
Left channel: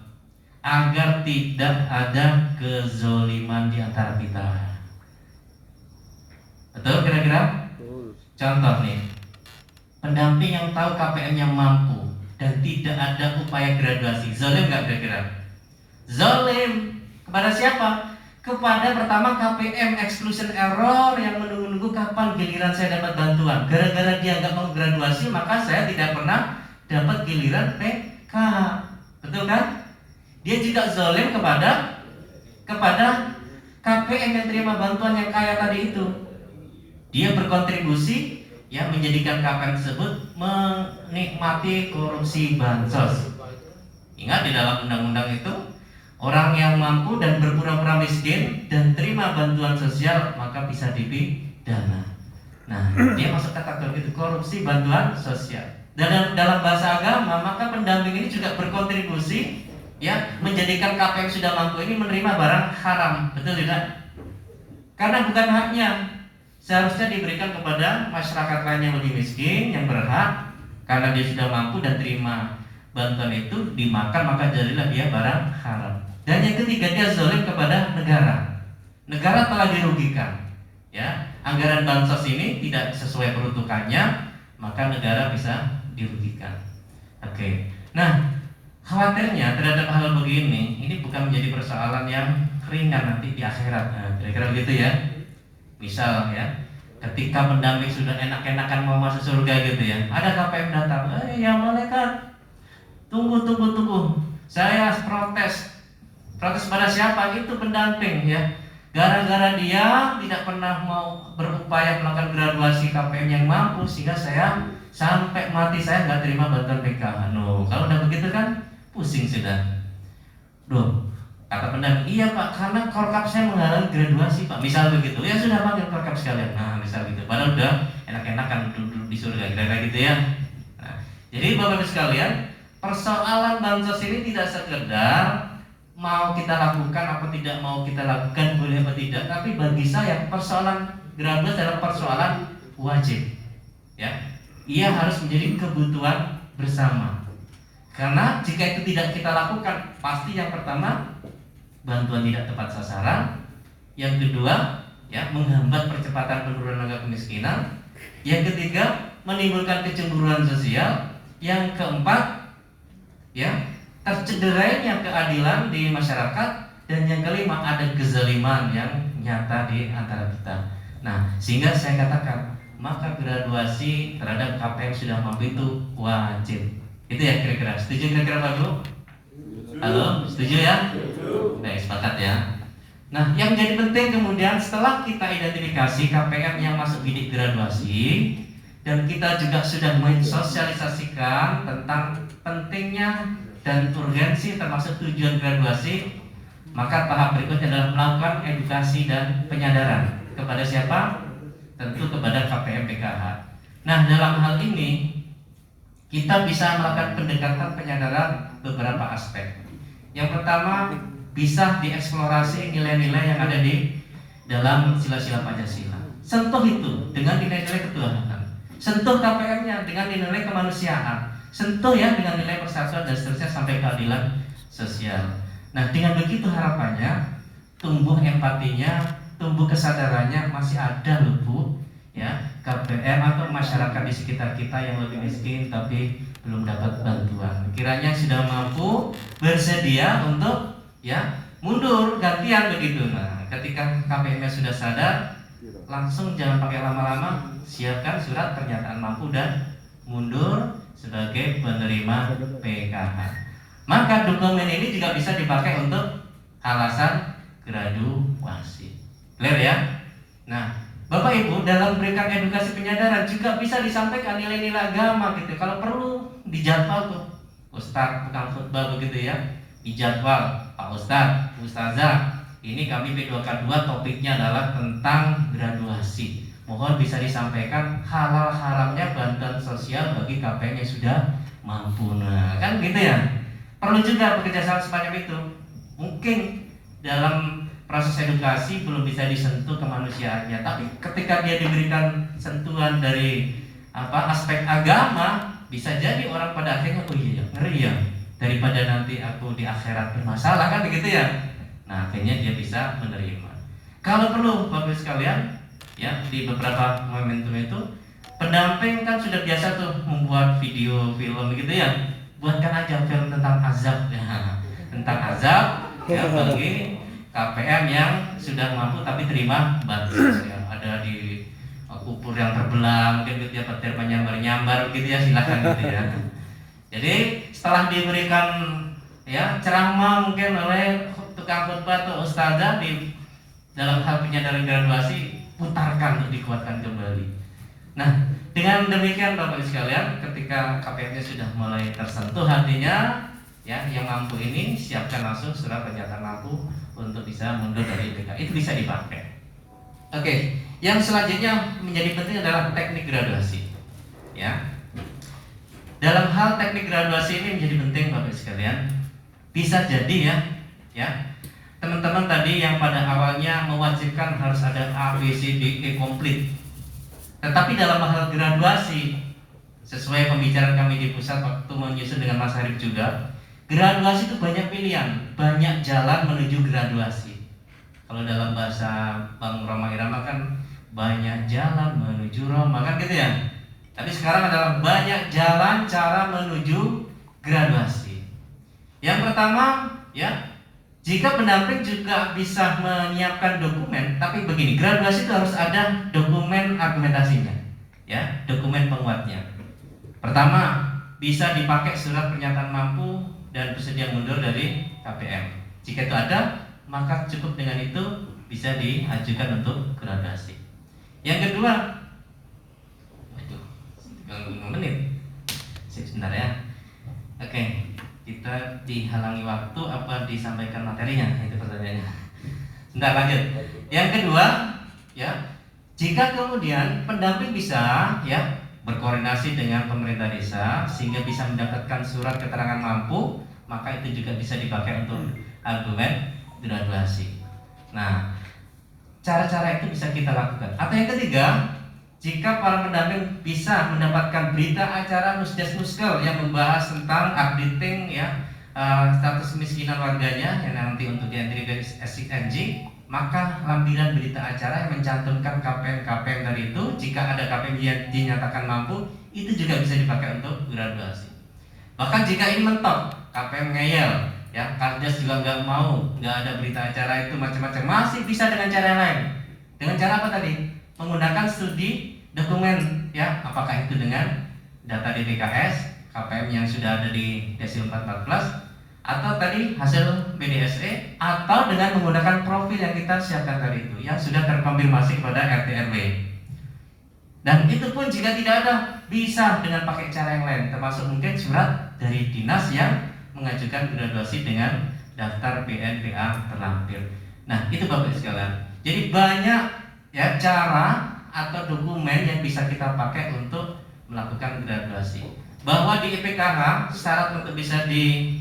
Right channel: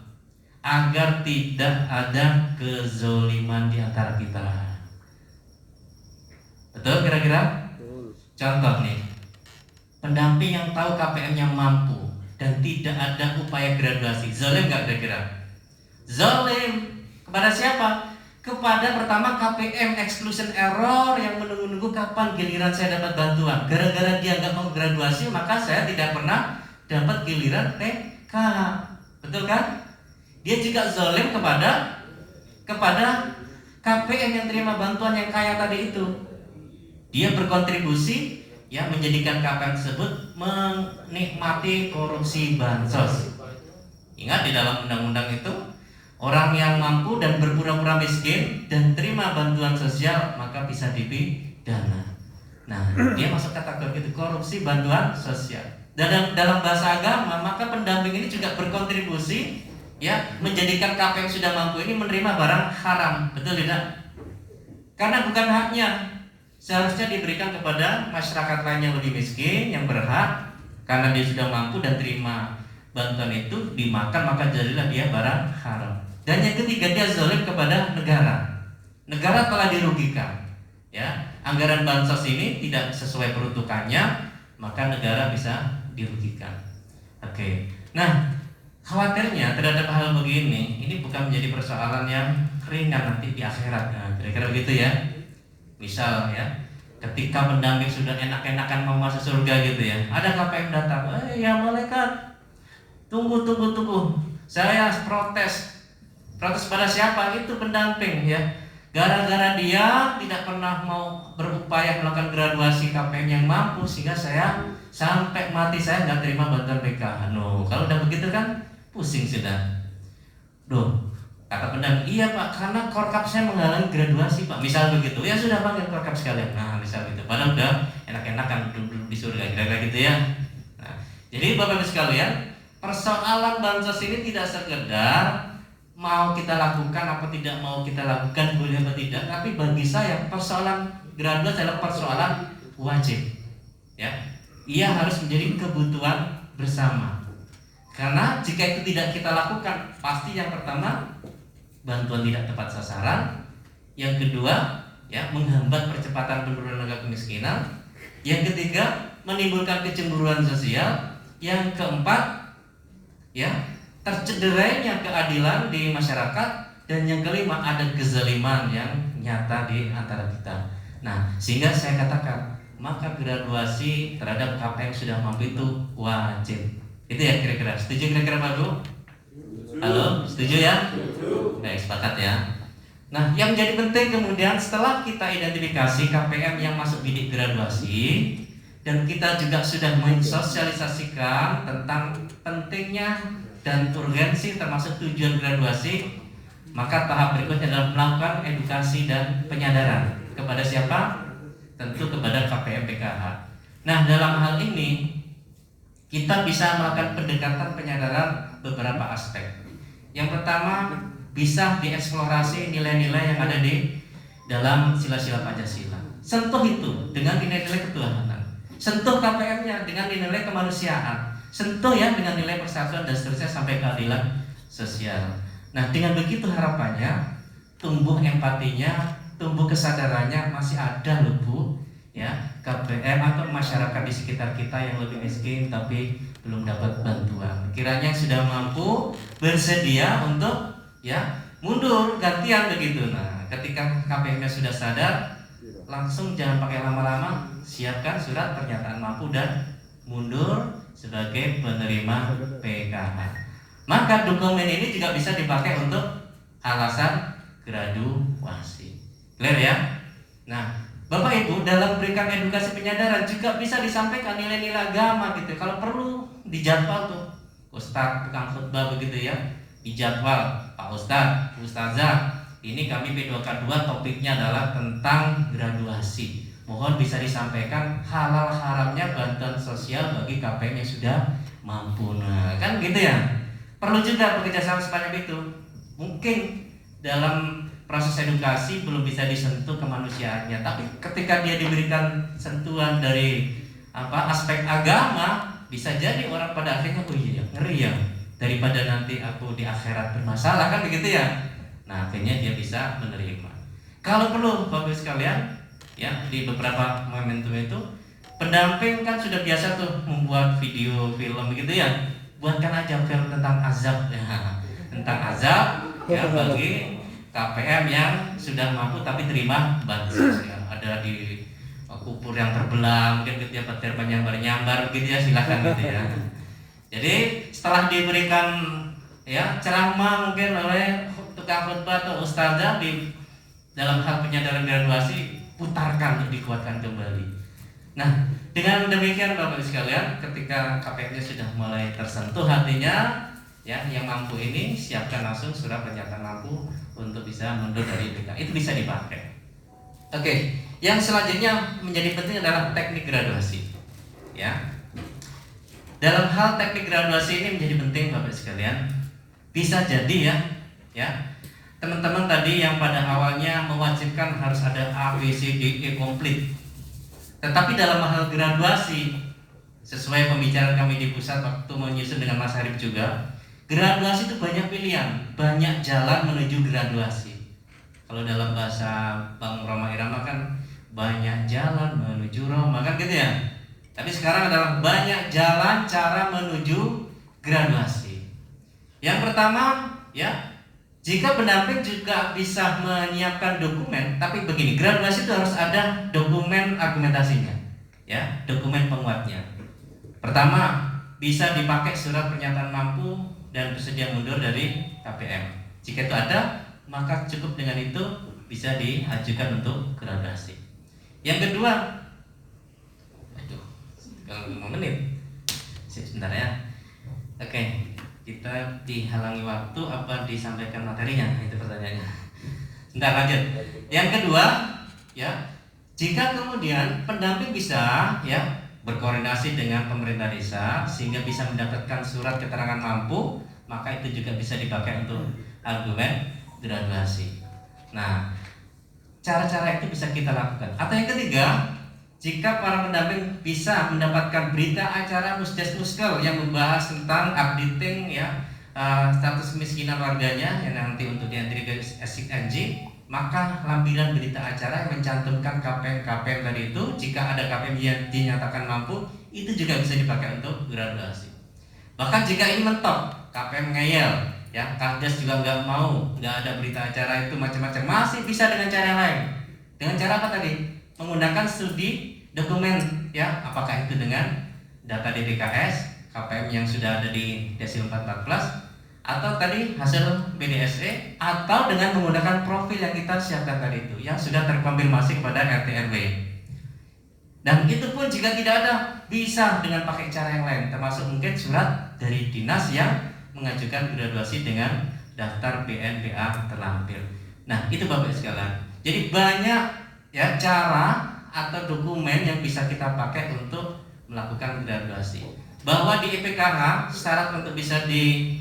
Agar tidak ada kezoliman di antara kita. Betul kira-kira? Contoh nih, pendamping yang tahu KPM-nya mampu dan tidak ada upaya graduasi, zolim nggak kira-kira? Zolim kepada siapa? Kepada pertama KPM, exclusion error, yang menunggu-nunggu kapan giliran saya dapat bantuan. Gara-gara dia nggak mau graduasi, maka saya tidak pernah dapat giliran TK. Betul kan? Dia juga zolim kepada KPM yang terima bantuan yang kaya tadi itu. Dia berkontribusi ya menjadikan KPM tersebut menikmati korupsi bansos. Ingat di dalam undang-undang itu, orang yang mampu dan berpura-pura miskin dan terima bantuan sosial maka bisa dipidana. Nah, dia masuk kategori itu, korupsi bantuan sosial. Dan dalam bahasa agama, maka pendamping ini juga berkontribusi ya menjadikan KPM yang sudah mampu ini menerima barang haram. Betul tidak? Karena bukan haknya. Seharusnya diberikan kepada masyarakat lain yang lebih miskin, yang berhak, karena dia sudah mampu dan terima bantuan itu dimakan, maka jadilah dia barang haram. Dan yang ketiga, dia zalim kepada negara. Negara telah dirugikan. Ya, anggaran bansos ini tidak sesuai peruntukannya, maka negara bisa dirugikan. Oke. Nah, khawatirnya terhadap hal begini, ini bukan menjadi persoalan yang ringan nanti di akhirat. Nah, kira-kira begitu ya. Misal ya, ketika pendamping sudah enak-enakan mau masuk surga gitu ya, ada KPM datang, ya malaikat, tunggu, saya protes pada siapa? Itu pendamping ya. Gara-gara dia tidak pernah mau berupaya melakukan graduasi KPM yang mampu, sehingga saya sampai mati saya nggak terima bantuan PK. No, kalau udah begitu kan pusing sudah. Kata pendamping, iya Pak, karena korkap saya menghalangi graduasi Pak. Misal begitu, ya sudah panggil korkap sekalian. Nah, misal gitu. Padahal udah enak-enakan duduk di surga, kira-kira gitu ya. Nah, jadi Bapak Ibu sekalian, persoalan bansos ini tidak sekedar mau kita lakukan apa tidak mau kita lakukan, boleh apa tidak. Tapi bagi saya persoalan graduasi adalah persoalan wajib. Ya, ia harus menjadi kebutuhan bersama. Karena jika itu tidak kita lakukan, pasti yang pertama bantuan tidak tepat sasaran, yang kedua ya menghambat percepatan penurunan angka kemiskinan, yang ketiga menimbulkan kecemburuan sosial, yang keempat ya tercederainya keadilan di masyarakat, dan yang kelima ada kezaliman yang nyata di antara kita. Nah, sehingga saya katakan maka graduasi terhadap KPM sudah mampu itu wajib. Itu ya kira-kira. Setuju kira-kira Pak Guru? Halo, setuju ya? Baik, sepakat ya. Nah, yang menjadi penting kemudian setelah kita identifikasi KPM yang masuk bidik graduasi dan kita juga sudah mensosialisasikan tentang pentingnya dan urgensi termasuk tujuan graduasi, maka tahap berikutnya adalah melakukan edukasi dan penyadaran kepada siapa? Tentu kepada KPM PKH. Nah, dalam hal ini kita bisa melakukan pendekatan penyadaran beberapa aspek. Yang pertama, bisa dieksplorasi nilai-nilai yang ada di dalam sila-sila Pancasila. Sentuh itu dengan nilai-nilai ketuhanan. Sentuh KPM-nya dengan nilai kemanusiaan. Sentuh ya dengan nilai persatuan dan seterusnya sampai keadilan sosial. Nah, dengan begitu harapannya tumbuh empatinya, tumbuh kesadarannya masih ada loh Bu, ya KPM atau masyarakat di sekitar kita yang lebih miskin tapi belum dapat bantuan. Kiranya sudah mampu bersedia untuk ya mundur gantian begitu. Nah, ketika KPM-nya sudah sadar, langsung jangan pakai lama-lama, siapkan surat pernyataan mampu dan mundur sebagai penerima PKH. Maka dokumen ini juga bisa dipakai untuk alasan graduasi. Clear ya? Nah, Bapak Ibu dalam berikan edukasi penyadaran juga bisa disampaikan nilai-nilai agama gitu. Kalau perlu dijadwal tuh Ustadz tukang khutbah begitu ya, dijadwal Pak Ustadz, Ustazah, ini kami P2K2 topiknya adalah tentang graduasi. Mohon bisa disampaikan halal haramnya bantuan sosial bagi KPM yang sudah mampu. Nah, kan gitu ya. Perlu juga bekerjasama sebanyak itu. Mungkin dalam proses edukasi belum bisa disentuh kemanusiaannya, tapi ketika dia diberikan sentuhan dari aspek agama, bisa jadi orang pada akhirnya oh iya ngeri ya, daripada nanti aku di akhirat bermasalah kan begitu ya. Nah, akhirnya dia bisa menerima. Kalau perlu Bapak sekalian ya, di beberapa momentum itu pendamping kan sudah biasa tuh membuat video film begitu ya. Buatkan aja film tentang azab ya, tentang azab ya bagi KPM yang sudah mampu tapi terima bantuan ya. Ada di kubur yang terbelah, mungkin gitu ya, petir menyambar-nyambar gitu ya, silakan gitu ya. Jadi setelah diberikan ya ceramah mungkin oleh tukang khutbah atau ustazah di dalam hal penyadaran graduasi, putarkan untuk dikuatkan kembali. Nah, dengan demikian Bapak Ibu sekalian, ketika KPM-nya sudah mulai tersentuh hatinya, ya yang mampu ini siapkan langsung surat pernyataan mampu untuk bisa mundur dari IPK. Itu bisa dipakai. Oke, yang selanjutnya menjadi penting adalah teknik graduasi. Ya, dalam hal teknik graduasi ini menjadi penting Bapak Ibu sekalian. Bisa jadi ya teman-teman tadi yang pada awalnya mewajibkan harus ada A, B, C, D, E komplit. Tetapi dalam hal graduasi, sesuai pembicaraan kami di pusat waktu menyusun dengan Mas Harif juga, graduasi itu banyak pilihan, banyak jalan menuju graduasi. Kalau dalam bahasa Bang Roma Irama kan banyak jalan menuju Roma kan gitu ya. Tapi sekarang adalah banyak jalan cara menuju graduasi. Yang pertama ya, jika pendamping juga bisa menyiapkan dokumen, tapi begini, graduasi itu harus ada dokumen argumentasinya, ya, dokumen penguatnya. Pertama, bisa dipakai surat pernyataan mampu dan bersedia mundur dari KPM. Jika itu ada, maka cukup dengan itu bisa diajukan untuk graduasi. Yang kedua, itu 5 menit, sebentar ya. Oke. Kita dihalangi waktu apa disampaikan materinya, itu pertanyaannya. Sebentar lanjut. Yang kedua, ya, jika kemudian pendamping bisa ya berkoordinasi dengan pemerintah desa sehingga bisa mendapatkan surat keterangan mampu, maka itu juga bisa dipakai untuk argumen graduasi. Nah, cara-cara itu bisa kita lakukan. Atau yang ketiga, jika para pendamping bisa mendapatkan berita acara Musdes Muskel yang membahas tentang updating ya status kemiskinan warganya yang nanti untuk diantri dari SING, maka lampiran berita acara yang mencantumkan KPM dari itu, jika ada KPM yang dinyatakan mampu, itu juga bisa dipakai untuk graduasi. Bahkan jika ini mentok, KPM ngeyel, ya Kasdes juga nggak mau, nggak ada berita acara itu macam-macam, masih bisa dengan cara yang lain. Dengan cara apa tadi? Menggunakan studi dokumen, ya, apakah itu dengan data DTKS, KPM yang sudah ada di Desil 414, atau tadi hasil BDSE, atau dengan menggunakan profil yang kita siapkan tadi itu yang sudah terkonfirmasi kepada RT RW. Dan itu pun jika tidak ada, bisa dengan pakai cara yang lain, termasuk mungkin surat dari dinas yang mengajukan graduasi dengan daftar BNPA terlampir. Nah, itu Bapak sekalian. Jadi banyak ya cara atau dokumen yang bisa kita pakai untuk melakukan graduasi. Bahwa di IPKH syarat untuk bisa di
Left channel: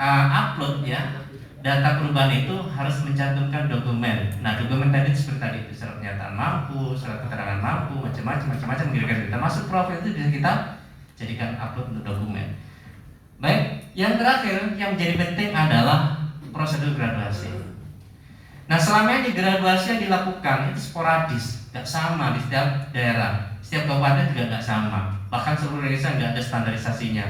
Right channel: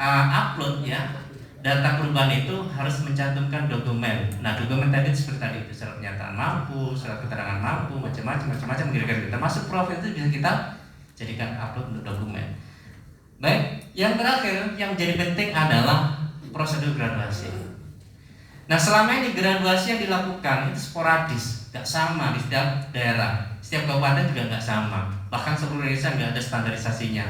upload ya data perubahan itu harus mencantumkan dokumen. Nah, dokumen tadi seperti tadi itu surat pernyataan mampu, surat keterangan mampu, macam-macam kira-kira termasuk profil itu bisa kita jadikan upload untuk dokumen. Baik, yang terakhir yang menjadi penting adalah prosedur graduasi. Nah, selama ini graduasi yang dilakukan itu sporadis, nggak sama di setiap daerah, setiap kabupaten juga nggak sama. Bahkan seluruh Indonesia nggak ada standarisasinya.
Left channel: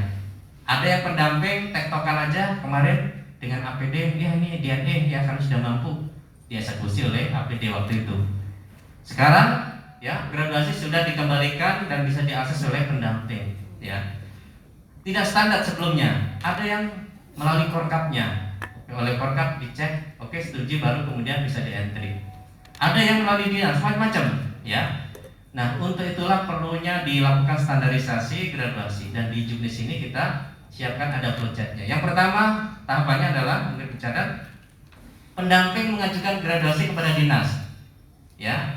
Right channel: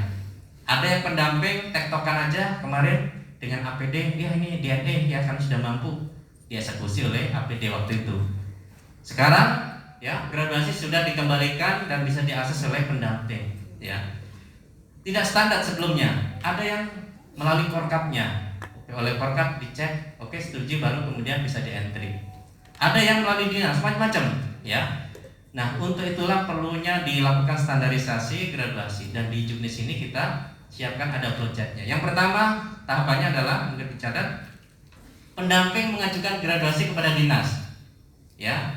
Ada yang pendamping tektokan aja kemarin dengan APD, ya ini DAD ya karena sudah mampu dieksekusi oleh APD waktu itu. Sekarang ya graduasi sudah dikembalikan dan bisa diakses oleh pendamping ya. Tidak standar sebelumnya, ada yang melalui korkapnya. Oleh korkap dicek, oke setuju baru kemudian bisa di-entry. Ada yang melalui dinas macam-macam ya. Nah, untuk itulah perlunya dilakukan standarisasi graduasi dan di Juknis ini kita siapkan ada projectnya. Yang pertama tahapannya adalah mungkin dicatat pendamping mengajukan graduasi kepada dinas ya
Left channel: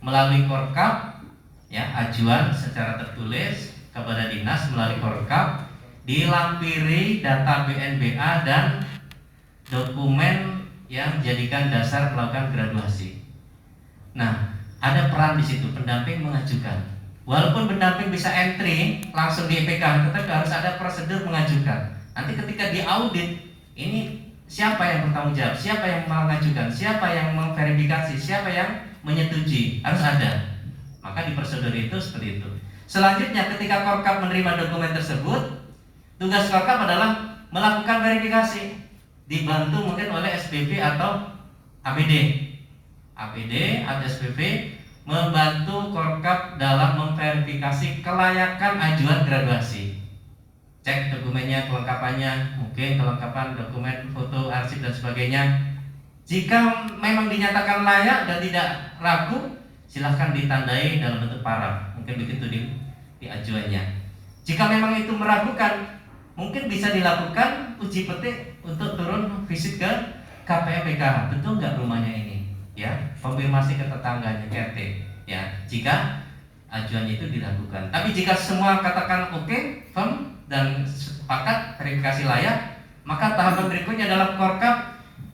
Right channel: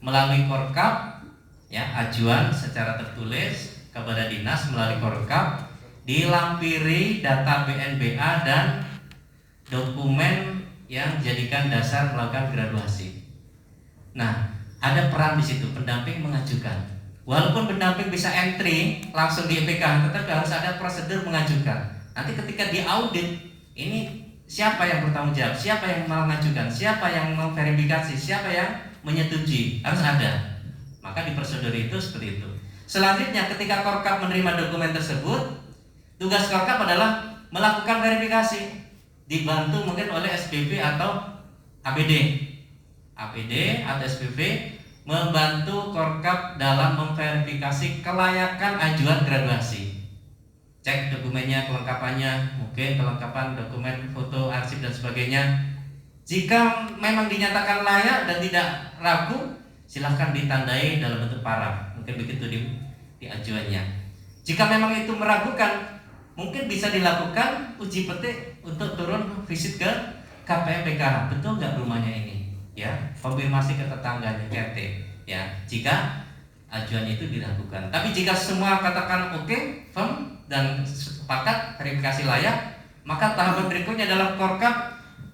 melalui korkap ya ajuan secara tertulis kepada dinas melalui korkap dilampiri data BNBA dan dokumen yang dijadikan dasar melakukan graduasi. Nah, ada peran di situ pendamping mengajukan. Walaupun pendamping bisa entry langsung di IPK, tetapi harus ada prosedur mengajukan. Nanti ketika diaudit, ini siapa yang bertanggung jawab, siapa yang mengajukan, siapa yang memverifikasi, siapa yang menyetujui, harus ada. Maka di prosedur itu seperti itu. Selanjutnya ketika korkap menerima dokumen tersebut, tugas korkap adalah melakukan verifikasi, dibantu mungkin oleh SPV atau APD atau SPV membantu korkap dalam memverifikasi kelayakan ajuan graduasi. Cek dokumennya, kelengkapannya, mungkin kelengkapan dokumen, foto, arsip dan sebagainya. Jika memang dinyatakan layak dan tidak ragu, silahkan ditandai dalam bentuk paraf. Mungkin begitu di ajuannya. Jika memang itu meragukan, mungkin bisa dilakukan uji petik untuk turun visit ke KPM PKH. Betul nggak rumahnya ini? Ya, konfirmasi ke tetangganya RT. Ya, jika ajuan itu dilakukan. Tapi jika semua katakan oke, firm dan sepakat verifikasi layak, maka tahapan berikutnya adalah korkap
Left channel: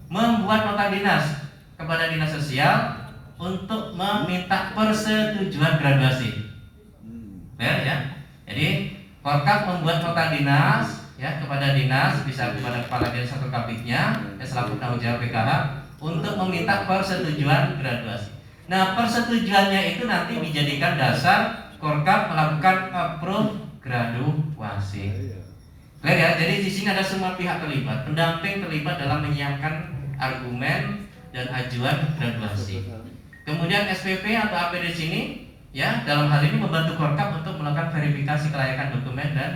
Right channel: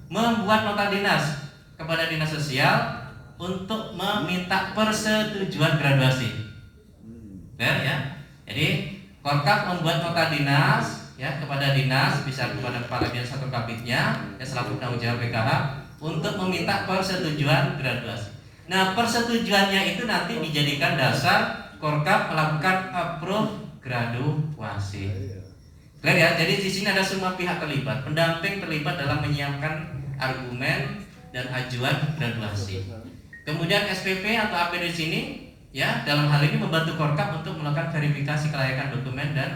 membuat nota dinas kepada dinas sosial untuk meminta persetujuan graduasi. Ya. Jadi korkap membuat nota dinas ya kepada dinas, bisa kepada kepala dinas atau kabitnya yang selaku penanggung jawab PKH untuk meminta persetujuan graduasi. Nah, persetujuannya itu nanti dijadikan dasar korkap melakukan approve graduasi. Clear ya? Jadi di sini ada semua pihak terlibat, pendamping terlibat dalam menyiapkan argumen dan ajuan graduasi. Kemudian SPP atau APD di sini ya dalam hal ini membantu korkap untuk melakukan verifikasi kelayakan dokumen dan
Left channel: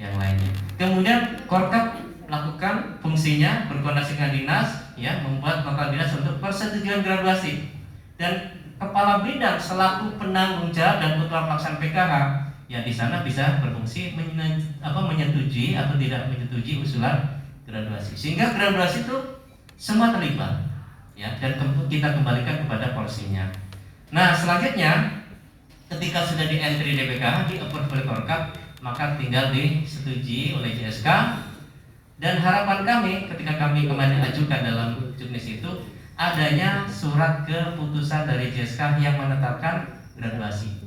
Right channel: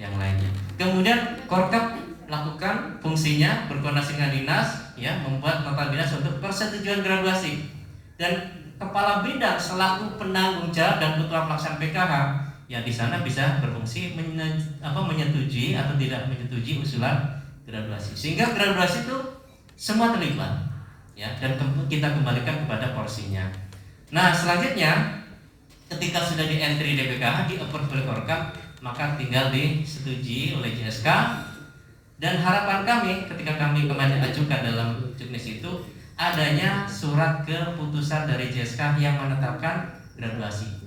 yang lainnya. Kemudian korkap melakukan fungsinya berkoordinasi dengan dinas ya membuat nota dinas untuk persetujuan graduasi dan kepala bidang selaku penanggung jawab dan ketua pelaksana PKH ya di sana bisa berfungsi menyetujui atau tidak menyetujui usulan graduasi sehingga graduasi itu semua terlibat ya dan kita kembalikan kepada porsinya. Nah, selanjutnya ketika sudah di entry di PKH di approve oleh korkap maka tinggal disetujui oleh JSK. Dan harapan kami ketika kami kemarin ajukan dalam Juknis itu adanya surat keputusan dari JSK yang menetapkan graduasi.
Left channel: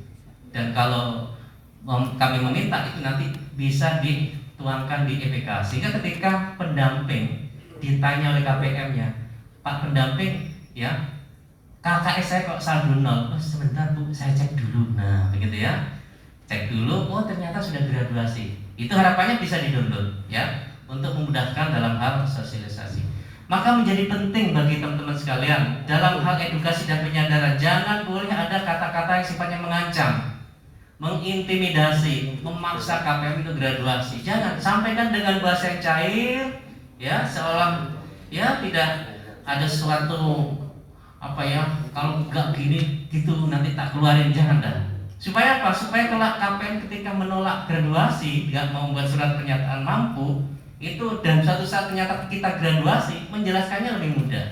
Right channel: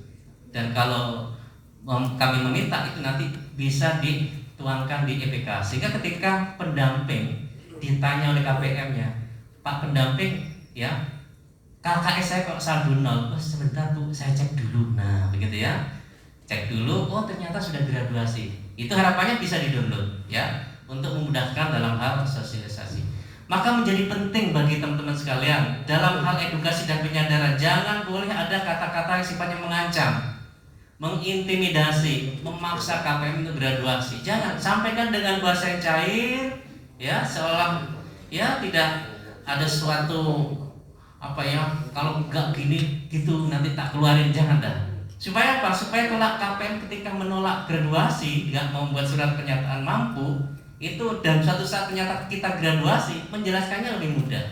Dan kalau kami meminta itu nanti bisa dituangkan di EPK sehingga ketika pendamping ditanya oleh KPM-nya, Pak pendamping ya KKS saya kok saldo 0, sebentar Bu saya cek dulu. Nah begitu ya, cek dulu, oh ternyata sudah graduasi. Itu harapannya bisa di-download ya untuk memudahkan dalam hal sosialisasi. Maka menjadi penting bagi teman-teman sekalian dalam hal edukasi dan penyadaran, jangan boleh ada kata-kata yang sifatnya mengancam, mengintimidasi, memaksa KPM itu graduasi. Jangan, sampaikan dengan bahasa yang cair, ya, seolah ya tidak ada suatu apa ya, kalau enggak gini gitu nanti tak keluarin, jangan dah. Supaya apa? Supaya kelak KPM ketika menolak graduasi, nggak mau membuat surat pernyataan mampu itu, dan suatu saat ternyata kita graduasi, menjelaskannya lebih mudah,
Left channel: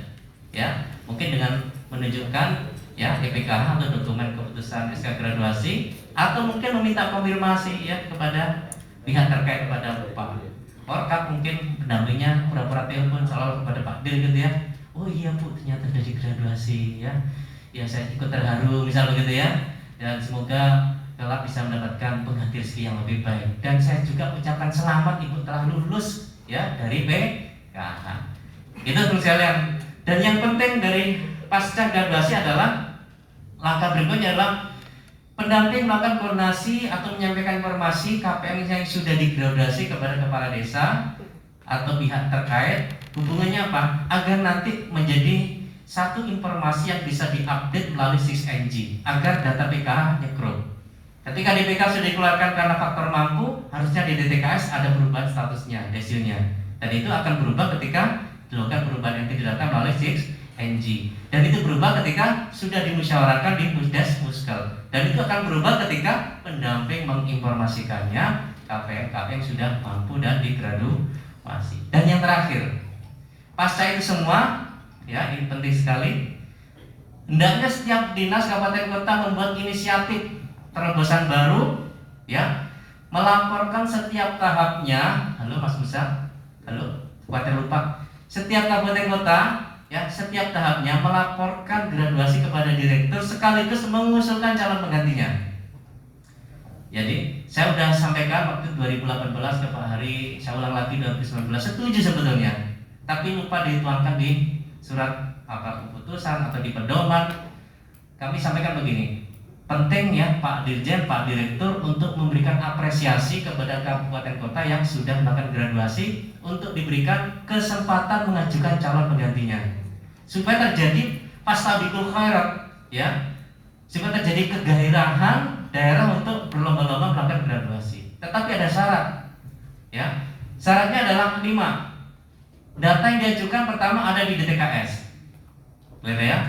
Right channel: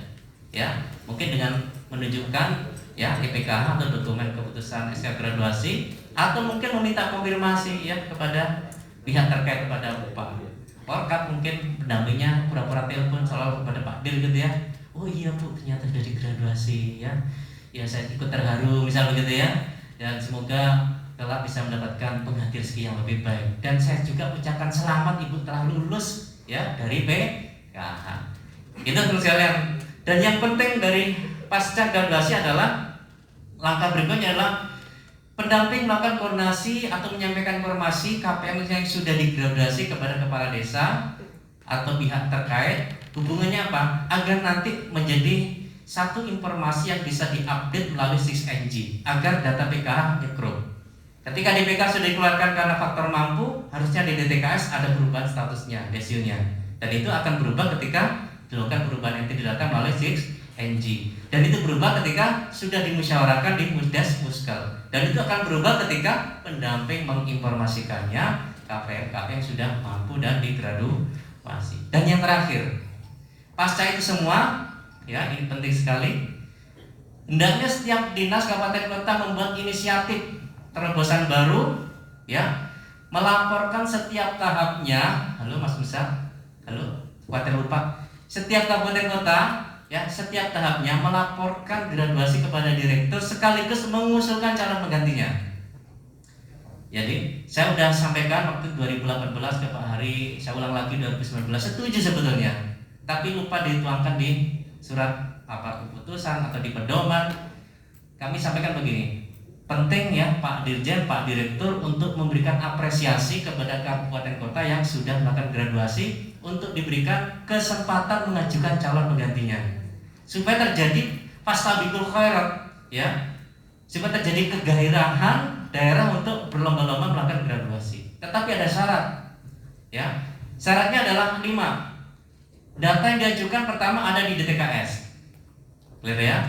ya, mungkin dengan menunjukkan ya IPKH atau dokumen keputusan SK graduasi, atau mungkin meminta konfirmasi ya kepada pihak terkait, kepada Pak Orkap, mungkin pendampingnya pura-pura telepon selalu kepada Pak Dir gitu ya, oh iya Bu ternyata sudah digraduasi ya, ya saya ikut terharu misal begitu ya, dan semoga kelak bisa mendapatkan pengganti rezeki yang lebih baik. Dan saya juga ucapkan selamat Ibu telah lulus ya dari PKH. Itu teman sekalian. Dan yang penting dari pasca graduasi adalah langkah berikutnya adalah pendamping melakukan koordinasi atau menyampaikan informasi KPM yang sudah digraduasi kepada kepala desa atau pihak terkait. Hubungannya apa? Agar nanti menjadi satu informasi yang bisa diupdate melalui 6NG agar data PKH nyekro. Ketika DPK sudah dikeluarkan karena faktor mampu, harusnya di DTKS ada perubahan statusnya, desilnya. Dan itu akan berubah ketika dilakukan perubahan entry data melalui 6NG. Dan itu berubah ketika sudah dimusyawarahkan di Musdes Muskel. Dan itu akan berubah ketika pendamping menginformasikannya KPM sudah mampu dan digraduasi. Dan yang terakhir, pasca itu semua, ya ini penting sekali, hendaknya setiap dinas kabupaten kota membuat inisiatif terobosan baru, ya, melaporkan setiap tahapnya. Halo Mas Musa, halo, khawatir lupa. Setiap kabupaten kota, ya, setiap tahapnya melaporkan graduasi kepada direktur sekaligus mengusulkan calon penggantinya. Jadi saya sudah sampaikan waktu 2018 ke Pak Hari, saya ulang lagi 2019, setuju sebetulnya, tapi lupa dituangkan di surat apa keputusan atau di pedoman. Kami sampaikan begini, penting ya Pak Dirjen, Pak Direktur untuk memberikan apresiasi kepada kabupaten kota yang sudah melakukan graduasi untuk diberikan kesempatan mengajukan calon penggantinya, supaya terjadi fastabiqul khairat, ya, supaya terjadi kegairahan daerah untuk berlomba-lomba melakukan graduasi. Tetapi ada syarat, ya, syaratnya adalah 5. Data yang diajukan pertama ada di DTKS, lihat ya,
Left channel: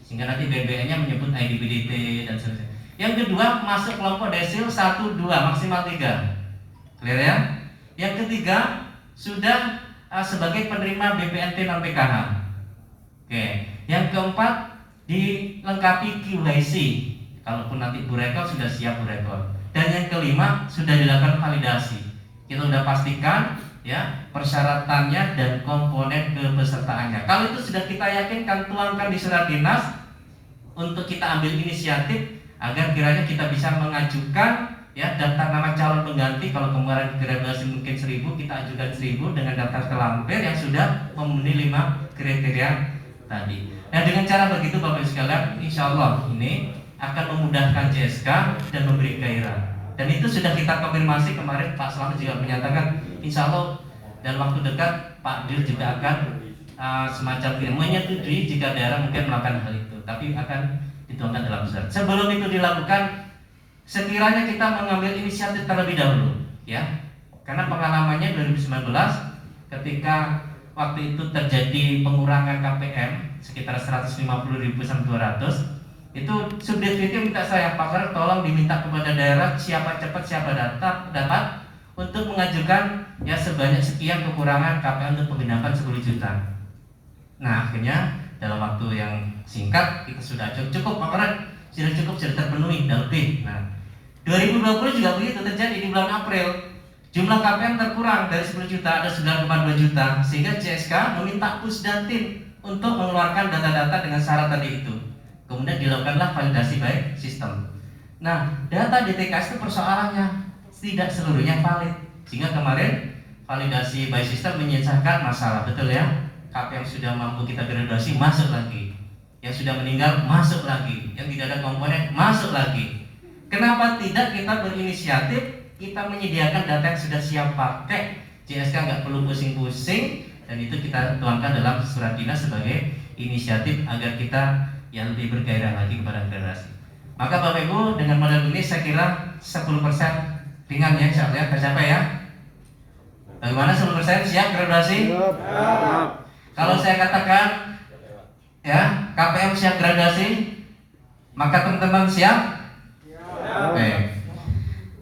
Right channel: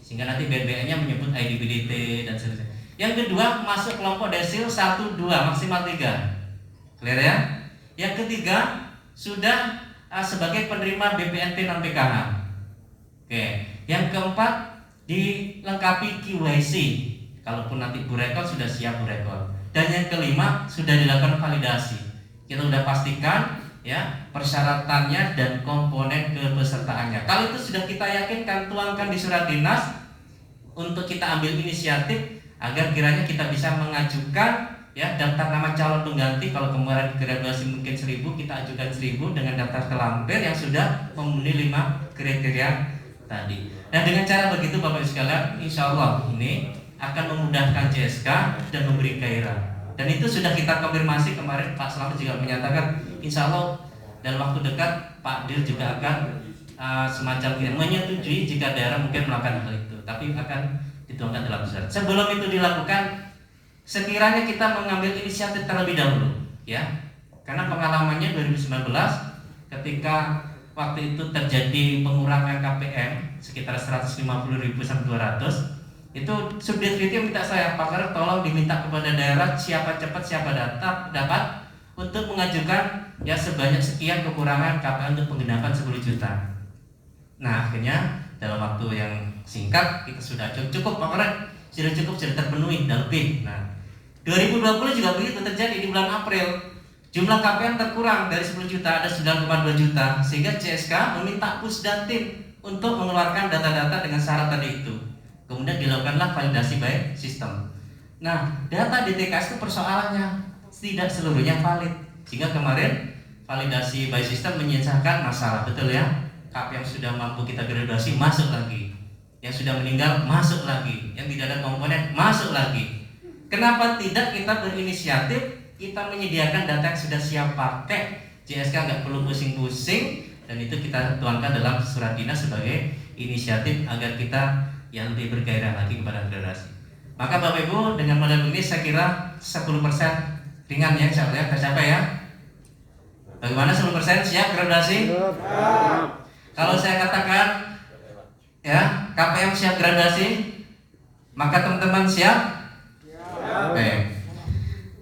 sehingga nanti BBN-nya menyebut IDPDT dan seterusnya. Yang kedua, masuk kelompok desil 1, 2, maksimal 3. Clear ya? Yang ketiga, sudah sebagai penerima BPNT non PKH. Oke. Yang keempat, dilengkapi KYC. Kalaupun nanti burekor sudah siap burekor. Dan yang kelima, sudah dilakukan validasi. Kita sudah pastikan ya persyaratannya dan komponen kepesertaannya. Kalau itu sudah kita yakinkan, tuangkan di surat dinas untuk kita ambil inisiatif agar kiranya kita bisa mengajukan ya daftar nama calon pengganti. Kalau kemarin graduasi mungkin 1000, kita ajukan 1000 dengan daftar terlampir yang sudah memenuhi 5 kriteria tadi. Nah dengan cara begitu Bapak Ibu sekalian, insya Allah ini akan memudahkan JSK dan memberi gairah. Dan itu sudah kita konfirmasi kemarin, Pak Slamet juga menyatakan insya Allah dalam waktu dekat Pak Dir juga akan semacam ini menyetujui jika daerah mungkin melakukan hal itu, tapi akan dituangkan dalam surat. Sebelum itu dilakukan, sekiranya kita mengambil inisiatif terlebih dahulu, ya, karena pengalamannya 2019 ketika waktu itu terjadi pengurangan KPM sekitar 150.000 sampai 200. Itu Subdit Video minta saya, Pak Karek tolong diminta kepada daerah siapa cepat siapa dapat untuk mengajukan ya sebanyak sekian kekurangan KPM untuk penggendapan 10 juta. Nah akhirnya dalam waktu yang singkat kita sudah cukup Pak Karek, sudah terpenuhi dan lebih. Nah 2020 juga begitu terjadi di bulan April. Jumlah KPM terkurang dari 10 juta ada 9,2 juta, sehingga CSK meminta Pusdatin untuk mengeluarkan data-data dengan syarat tadi itu. Kemudian dilakukanlah validasi by sistem. Nah, data DTKS itu persoalannya tidak seluruhnya valid, sehingga kemarin validasi by system menyisakan masalah, betul ya? KPM sudah mampu kita graduasi masuk lagi, yang sudah meninggal masuk lagi, yang tidak ada komponen masuk lagi. Kenapa tidak kita berinisiatif, kita menyediakan data yang sudah siap pakai, JSK nggak perlu pusing-pusing, dan itu kita tuangkan dalam surat dinas sebagai inisiatif agar kita yang lebih bergairah lagi kepada generasi. Maka Bapak Ibu, dengan model ini saya kira 10% ringan ya, insya Allah ya, tercapai ya. Bagaimana 10% siap graduasi? Kalau saya katakan ya KPM siap graduasi, maka teman-teman siap? Oke.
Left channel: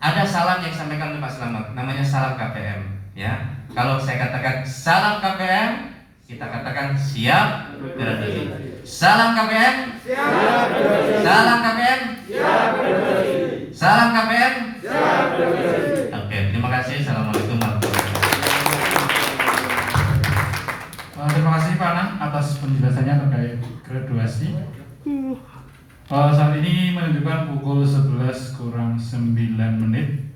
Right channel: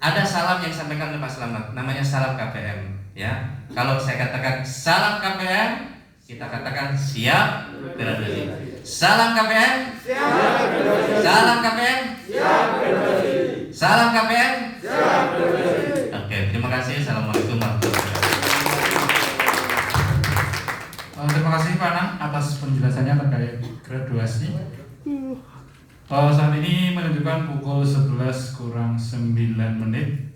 Ada salam yang disampaikan oleh Pak Slamet, namanya salam KPM ya. Kalau saya katakan salam KPM, kita katakan siap graduasi. Salam KPM, siap graduasi. Salam KPM, siap graduasi. Salam KPM, siap graduasi. Oke, terima kasih. Assalamualaikum warahmatullahi wabarakatuh. Terima kasih Pak Anang atas penjelasannya terkait graduasi. Saat ini menunjukkan pukul 11 kurang 9 menit.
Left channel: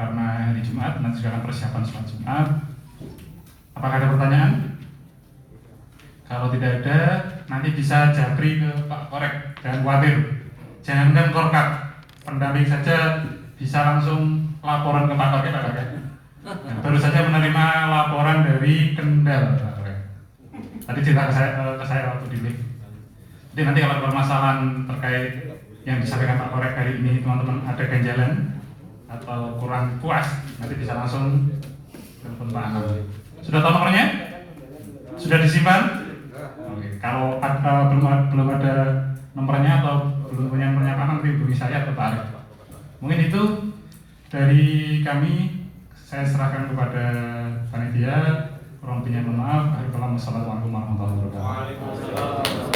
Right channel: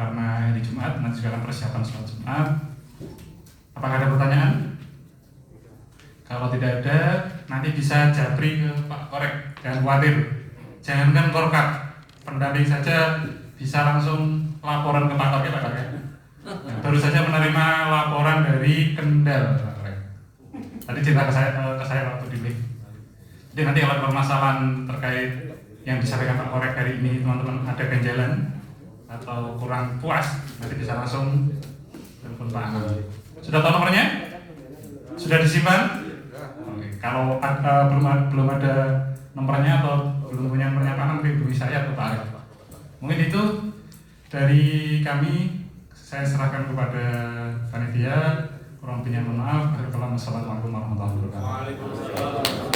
Karena hari Jumat, nanti juga akan persiapan sholat Jumat. Apakah ada pertanyaan? Kalau tidak ada, nanti bisa japri ke Pak Korek. Jangan khawatir, jangankan korkap, pendamping saja bisa langsung laporan ke Pak Korek, Pak Korek. Baru saja menerima laporan dari Kendal, Pak Korek. Tadi cerita ke saya waktu di lift. Jadi nanti kalau ada permasalahan terkait yang disampaikan Pak Korek hari ini, teman-teman ada ganjalan atau kurang puas, nanti bisa langsung telepon Pak Anang. Sudah tahu nomornya? Sudah disimpan? Oke. Kalau belum ada nomornya atau belum punya nomornya Pak Anang, hubungi saya atau Pak Arif. Mungkin itu dari kami. Saya serahkan kepada panitia. Kurang lebihnya mohon maaf. Wassalamualaikum warahmatullahi wabarakatuh.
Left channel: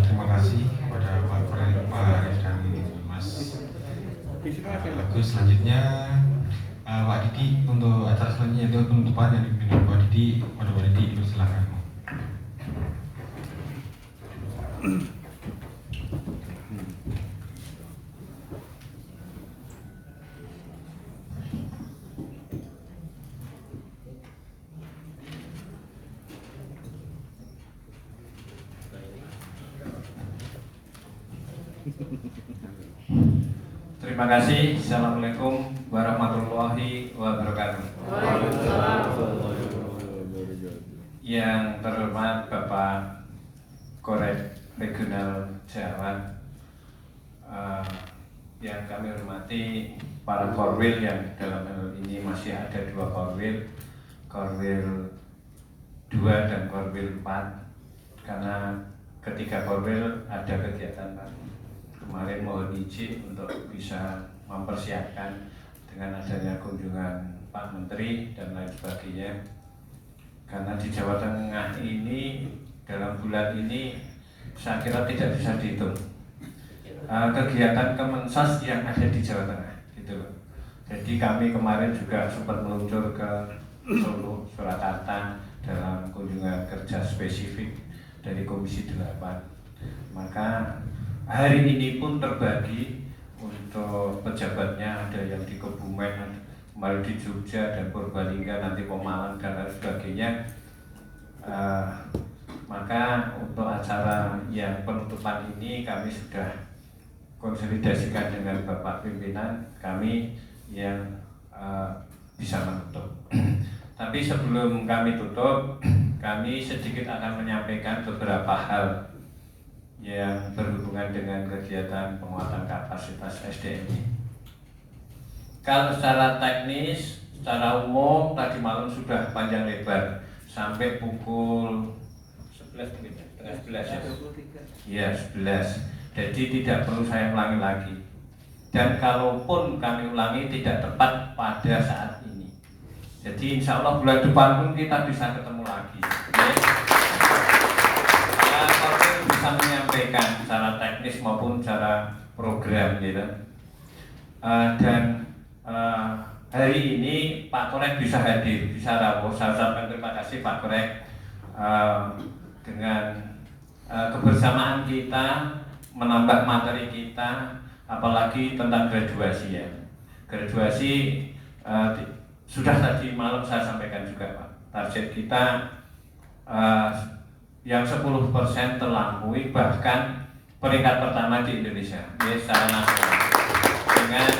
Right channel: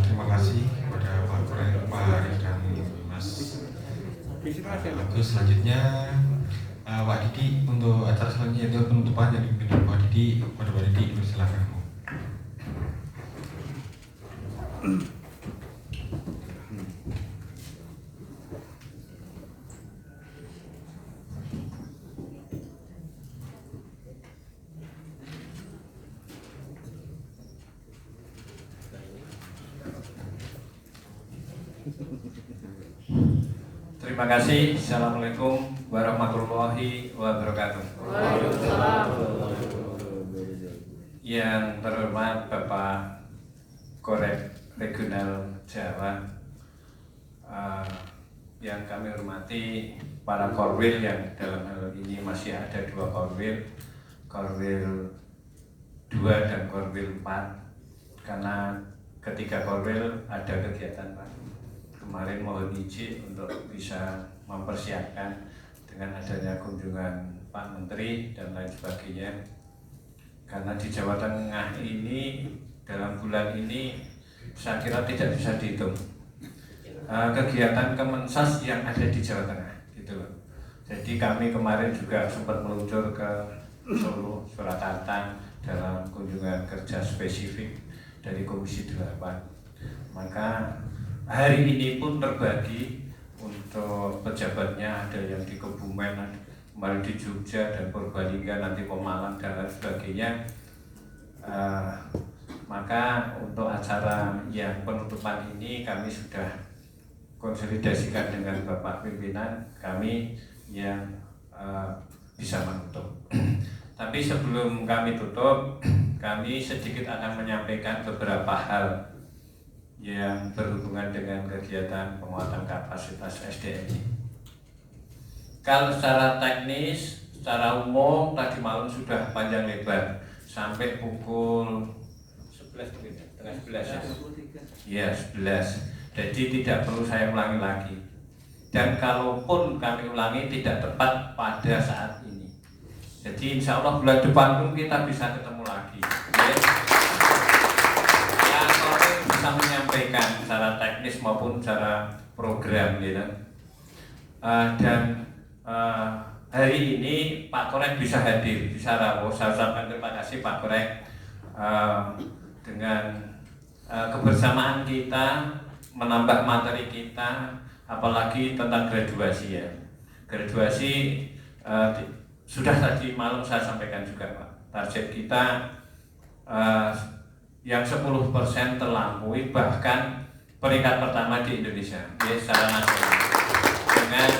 Terima kasih kepada Pak Arif dan Mas Agus. Selanjutnya Pak Didi untuk acara selanjutnya itu penutupan yang dipimpin oleh Pak Didi. Pada Pak Didi, silakan. Terima kasih. Assalamualaikum warahmatullahi wabarakatuh. Yang terhormat Bapak Korek Regional Jawa, yang kami hormati para korwil yang dalam hal ini masih ada 2 korwil, korwil 2 dan korwil 4, karena ketiga korwil ada kegiatan Pak. Kemarin mohon izin untuk bisa mempersiapkan dengan adanya kunjungan Pak Menteri dan lain sebagainya. Karena di Jawa Tengah ini dalam bulan ini saya kira tidak bisa dihitung kegiatan Kemensos yang ada di Jawa Tengah gitu loh. Jadi kami kemarin juga sempat meluncur ke Solo, Surakarta dalam kunjungan kerja spesifik dari Komisi 8. Maka hari ini pun terbagi untuk pejabatnya, ada yang di Kebumen, kemarin di Jogja dan Purbalingga, nanti Pemalang dan lain sebagainya. Maka untuk acara yang penutupan ini kami sudah konsolidasikan dengan Bapak pimpinan kami yang bisa menutup. Tapi sebelum kami tutup, kami sedikit akan menyampaikan beberapa hal yang berhubungan dengan kegiatan penguatan kapasitas SDM. Kalau secara teknis, secara umum tadi malam sudah panjang lebar sampai pukul 11 mungkin, setengah 11 ya. 11. Jadi tidak perlu saya ulangi lagi. Dan kalaupun kami ulangi tidak tepat pada saat ini. Jadi insya Allah bulan depan pun kita bisa ketemu lagi. Ya. Bisa menyampaikan secara teknis maupun secara program gitu. Dan hari ini Pak Korek bisa hadir, bisa rawuh. Saya ucapkan terima kasih Pak Korek dengan kebersamaan kita menambah materi kita, apalagi tentang graduasi ya. Graduasi sudah tadi malam saya sampaikan juga Pak. Target kita yang 10% terlampaui, bahkan peringkat pertama di Indonesia, ya, secara nasional dengan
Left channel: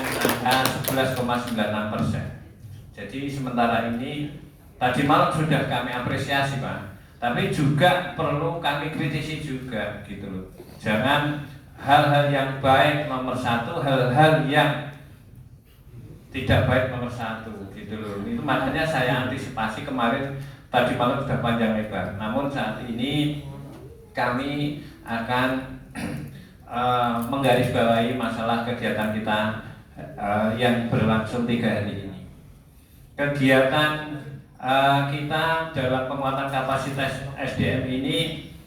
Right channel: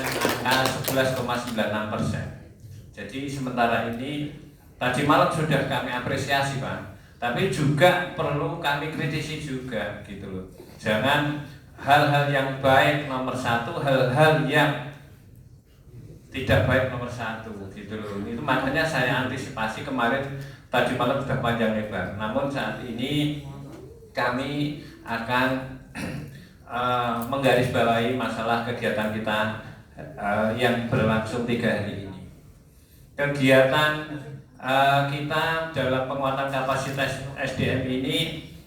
angka 11,96%. Jadi sementara ini tadi malam sudah kami apresiasi Pak, tapi juga perlu kami kritisi juga gitu loh. Jangan hal-hal yang baik nomor satu, hal-hal yang tidak baik nomor satu gitu loh. Itu makanya saya antisipasi kemarin tadi malam sudah panjang lebar. Namun saat ini kami akan menggarisbawahi masalah kegiatan kita yang berlangsung 3 hari ini. Kegiatan kita dalam penguatan kapasitas SDM ini,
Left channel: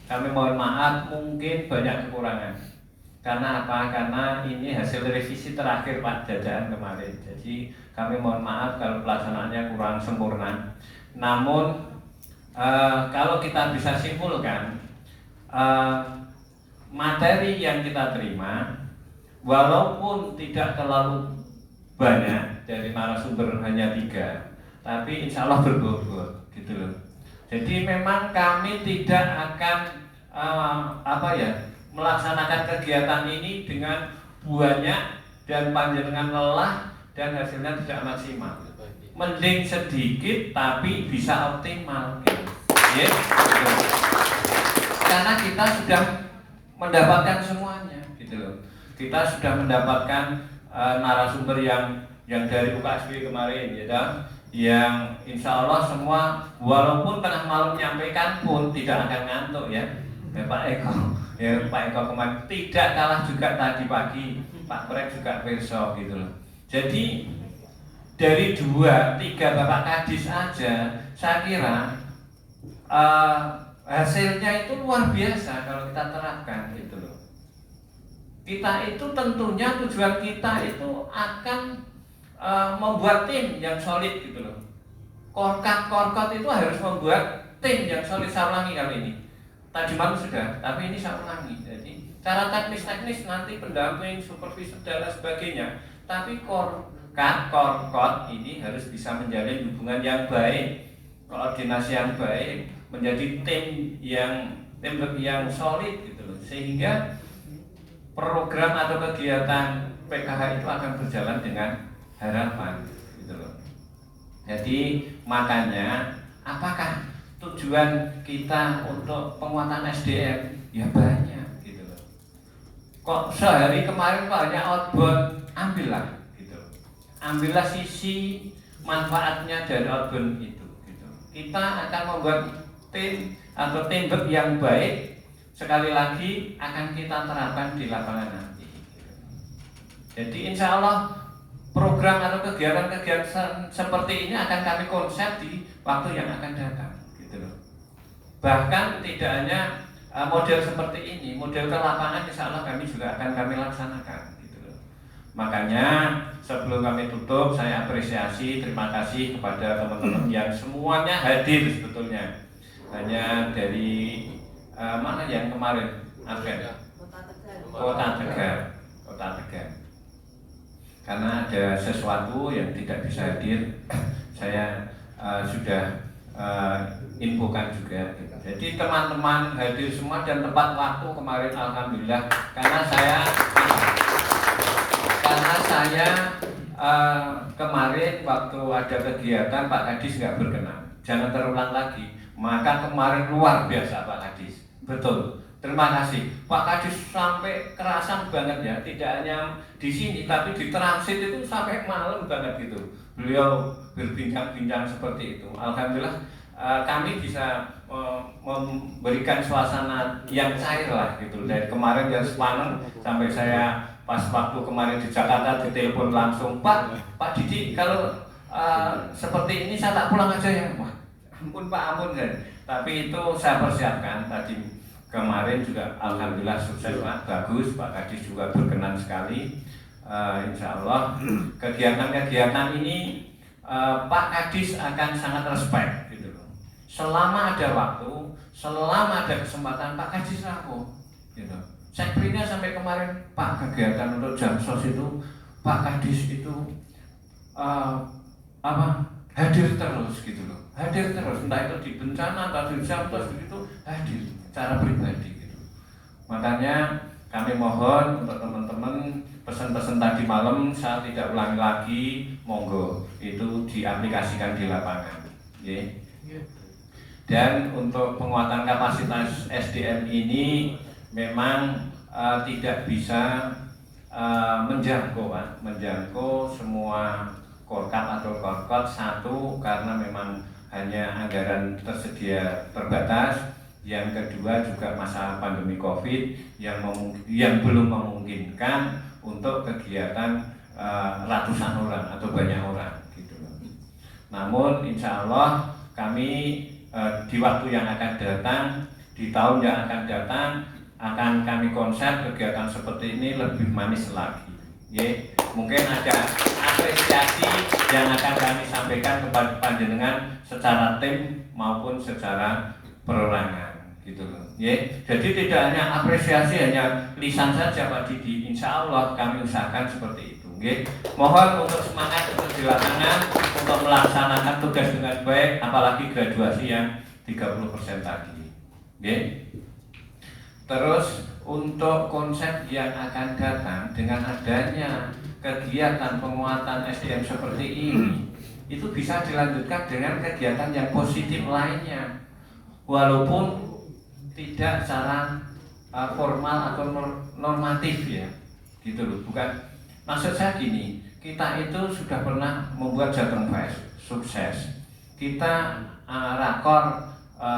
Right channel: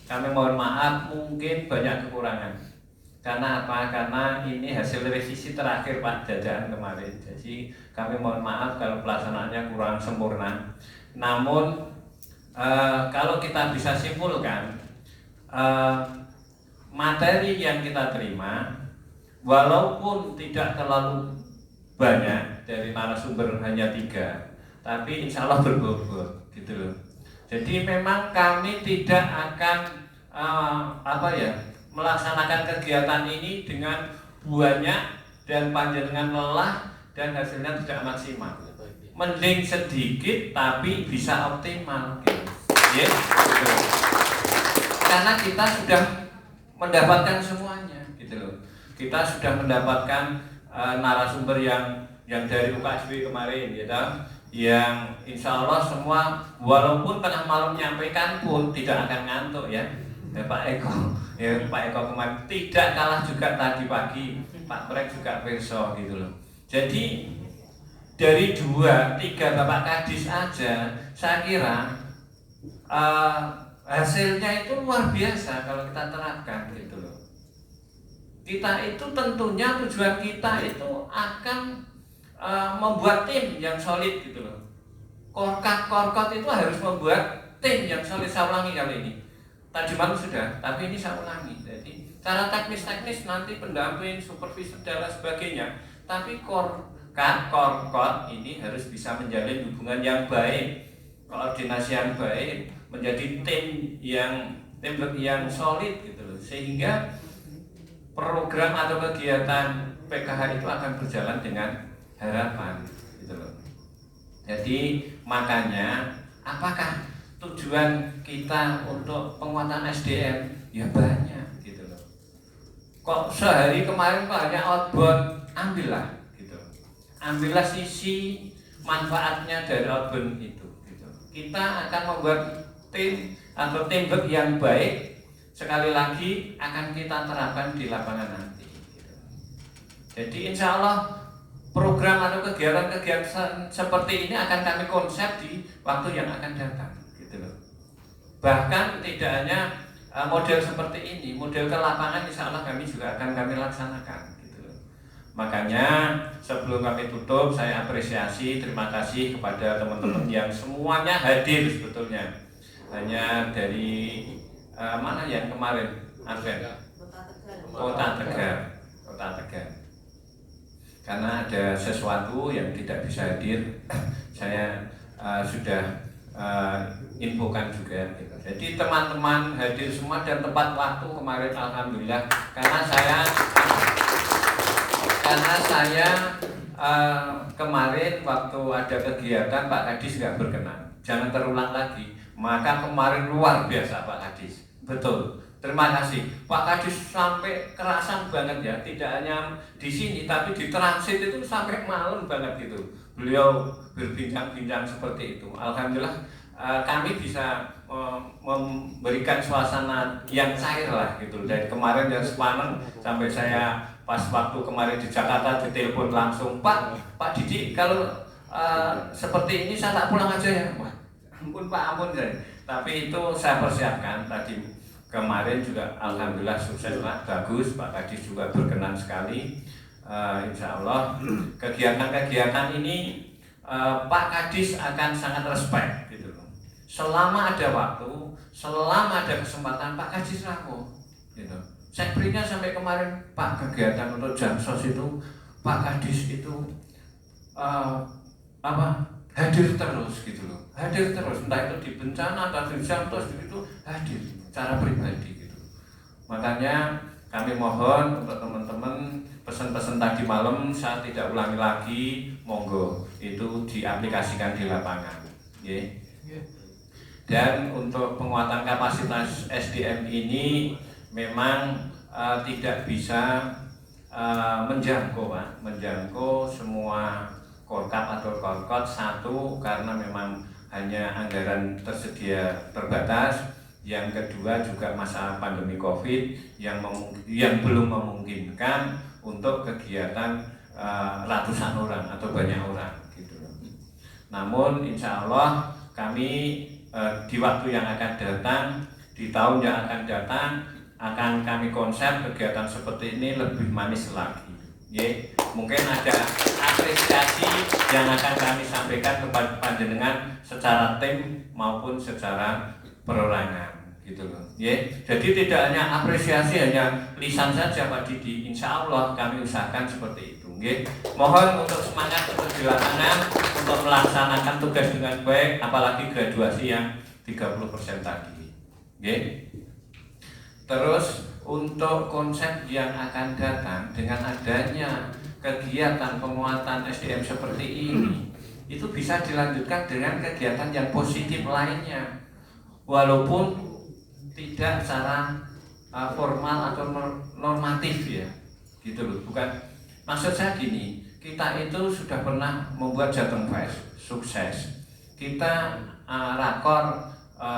kami mohon maaf mungkin banyak kekurangan. Karena apa? Karena ini hasil revisi terakhir Pak Jajahan kemarin. Jadi kami mohon maaf kalau pelaksanaannya kurang sempurna. Namun kalau kita bisa simpulkan, materi yang kita terima walaupun tidak terlalu banyak, dari narasumber hanya 3, tapi insya Allah berbobot gitu loh. Jadi memang kami tidak akan melaksanakan kegiatan ini dengan banyak dan panjenengan lelah dan hasilnya tidak maksimal. Mending sedikit tapi bisa optimal gitu. Yes, gitu. Karena kita sudah mendapatkan semuanya gitu loh. Kita sudah mendapatkan narasumber yang dari UKSW kemarin gitu, yang insya Allah semua walaupun tengah malam menyampaikan pun tidak akan ngantuk ya. Pak Eko kemarin tidak kalah juga tadi pagi, Pak Prek juga perso gitu loh. Jadi dari 2-3 Bapak Kadis aja, saya kira hasilnya itu luar biasa kalau kita terapkan gitu loh. Kita itu tentunya tujuan kita itu akan membuat tim yang solid gitu loh. Korkot itu harus membuat tim yang solid. Saya ulangi kali ini. Tadi malam sudah, tapi ini saya ulangi. Jadi cara teknis nanti pendamping, supervisor dan lain sebagainya. Tapi korkot ini harus bisa menjalin hubungan yang baik, koordinasi yang baik, menjadi tim yang solid gitu loh. Sehingga program atau kegiatan PKH itu akan berjalan dengan harapan gitu loh. Jadi makanya apakah tujuan kita untuk penguatan SDM? Ya banyak gitu loh. Kok sehari kemarin kok hanya outbound, ambillah gitu. Ambillah sisi manfaatnya dari outbound itu gitu. Kita akan membuat tim atau teamwork yang baik, sekali lagi akan kita terapkan di lapangan nanti gitu. Jadi insya Allah program atau kegiatan-kegiatan seperti ini akan kami konsep di waktu yang akan datang gitu loh. Bahkan tidak hanya model seperti ini, model ke lapangan insya Allah kami juga akan kami laksanakan gitu loh. Makanya sebelum kami tutup, saya apresiasi, terima kasih kepada teman-teman yang semuanya hadir sebetulnya. Hanya dari mana yang kemarin Advent? Kota Tegal. Karena ada sesuatu yang tidak bisa hadir, saya sudah infokan juga gitu. Jadi teman-teman hadir semua dan tepat waktu kemarin alhamdulillah, karena saya kemarin waktu ada kegiatan Pak Kadis nggak berkenan, jangan terulang lagi. Maka kemarin luar biasa Pak Kadis, betul. Terima kasih Pak Kadis, sampai kerasan banget ya, tidak hanya di sini tapi di transit itu sampai malam banget gitu. Beliau berbincang-bincang seperti itu. Alhamdulillah kami bisa memberikan suasana yang cair lah gitu. Dari kemarin yang semalam sampai saya pas waktu kemarin di Jakarta ditelepon langsung, Pak Didi kalau seperti ini saya tak pulang aja ya. Wah, ampun Pak, ampun kan. Tapi itu saya persiapkan tadi. Kemarin juga alhamdulillah sukses Pak, bagus, Pak Kadis juga berkenan sekali. Insya Allah kegiatan-kegiatan ini Pak Kadis akan sangat respect gitu loh. Selama ada waktu, selama ada kesempatan Pak Kadis rangkul gitu. Sekprinya sampai kemarin Pak, kegiatan untuk Jamsos itu Pak Kadis itu hadir terus gitu loh. Hadir terus, entah itu di bencana atau di Jamsos itu hadir secara pribadi gitu. Makanya kami mohon untuk teman-teman pesan-pesan tadi malam saya tidak ulangi lagi, monggo itu diaplikasikan di lapangan. Dan untuk penguatan kapasitas SDM ini memang tidak bisa menjangkau Pak, menjangkau semua korkap atau korkot. Satu, karena memang hanya anggaran tersedia terbatas. Yang kedua juga masa pandemi COVID yang belum memungkinkan untuk kegiatan ratusan orang atau banyak orang gitu. Namun insya Allah kami di waktu yang akan datang, di tahun yang akan datang, akan kami konsep kegiatan seperti ini lebih manis lagi. Mungkin ada apresiasi yang akan kami sampaikan kepada panjenengan secara tim maupun secara perorangan gitu loh. Jadi tidak hanya apresiasi hanya lisan saja Pak Didi, insya Allah kami usahakan seperti itu. Mohon untuk semangat untuk di lapangan untuk melaksanakan tugas dengan baik, apalagi graduasi yang 30% tadi. Terus untuk konsep yang akan datang dengan adanya kegiatan penguatan SDM seperti ini, itu bisa dilanjutkan dengan kegiatan yang positif lainnya, walaupun tidak secara formal atau normatif ya, gitu loh. Bukan, maksud saya gini, kita itu sudah pernah membuat Jateng Fest, sukses. Kita rakor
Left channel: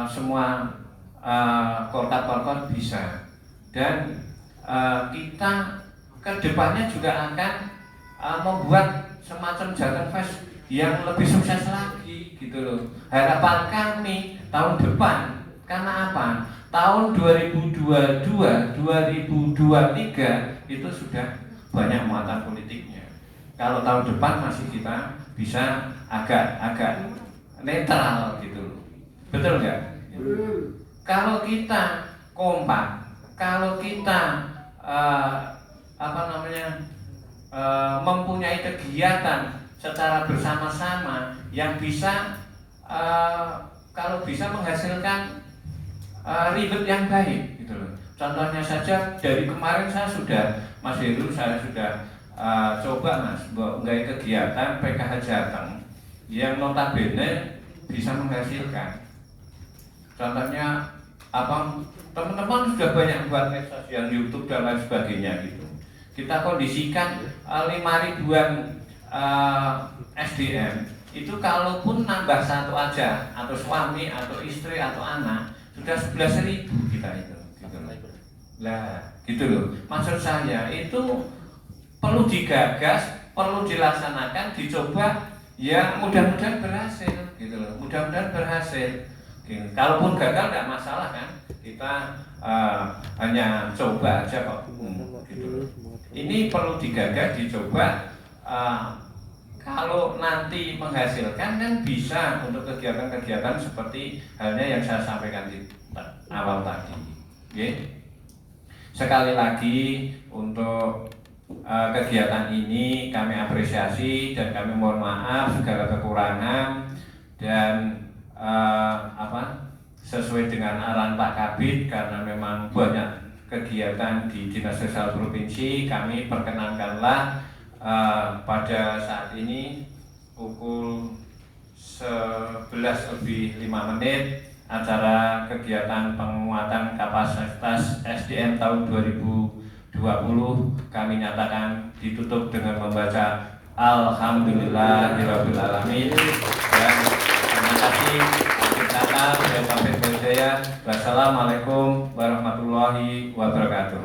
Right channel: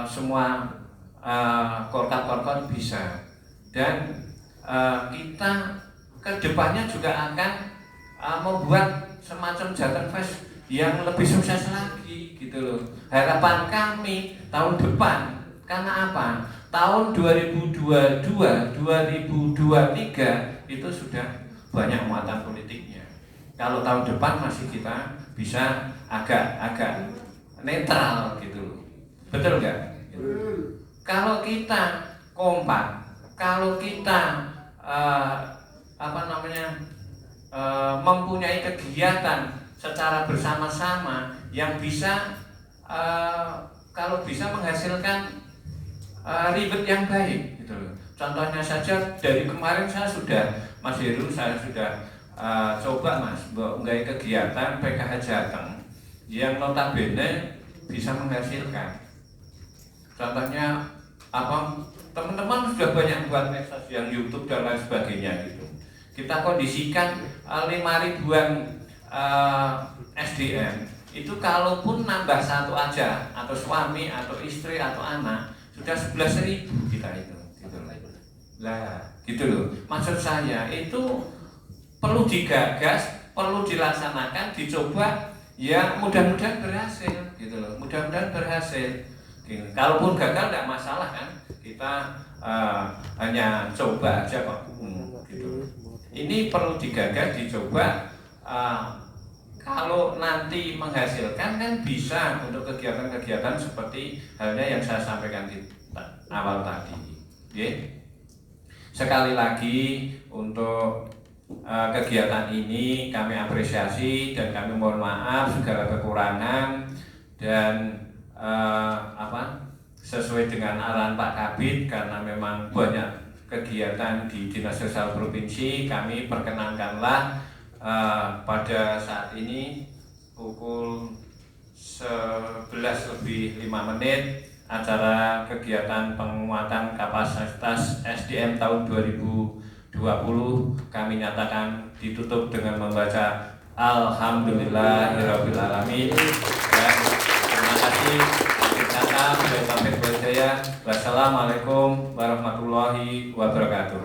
semua korkap-korkap bisa, dan kita kedepannya juga akan membuat semacam Jateng Fest yang lebih sukses lagi gitu loh. Harapan kami tahun depan, karena apa? Tahun 2022, 2023 itu sudah banyak muatan politiknya. Kalau tahun depan masih kita bisa agak netral gitu. Betul nggak? Kalau kita kompak, kalau kita mempunyai kegiatan secara bersama-sama yang bisa kalau bisa menghasilkan ribet yang baik gitu loh. Contohnya saja dari kemarin Mas Heru saya sudah coba Mas nggak kegiatan PKH Jateng yang notabene bisa menghasilkan. Contohnya teman-teman sudah banyak buat medsos yang YouTube dan lain sebagainya gitu. Kita kondisikan 5.000-an SDM itu kalaupun nambah satu aja atau suami atau istri atau anak sudah 11.000 kita itu gitu lah gitu loh. Maksud saya itu perlu digagas, perlu dilaksanakan, dicoba, ya mudah-mudahan berhasil gitu loh, mudah-mudahan berhasil gitu. Kalaupun gagal tidak masalah kan, kita hanya coba aja Pak gitu. Ini perlu digagas, dicoba, kalau nanti menghasilkan kan bisa untuk kegiatan-kegiatan seperti halnya yang saya sampaikan di awal tadi. Sekali lagi untuk kegiatan ini kami apresiasi dan kami mohon maaf segala kekurangan, dan sesuai dengan arahan Pak Kabid, karena memang banyak kegiatan di Dinas Sosial Provinsi, kami perkenankanlah pada saat ini pukul 11:05 acara kegiatan penguatan kapasitas SDM tahun 2020 kami nyatakan ditutup dengan membaca Alhamdulillahirabbil alamin. Dan terima kasih atas kata sampai berjaya. Wassalamualaikum warahmatullahi wabarakatuh.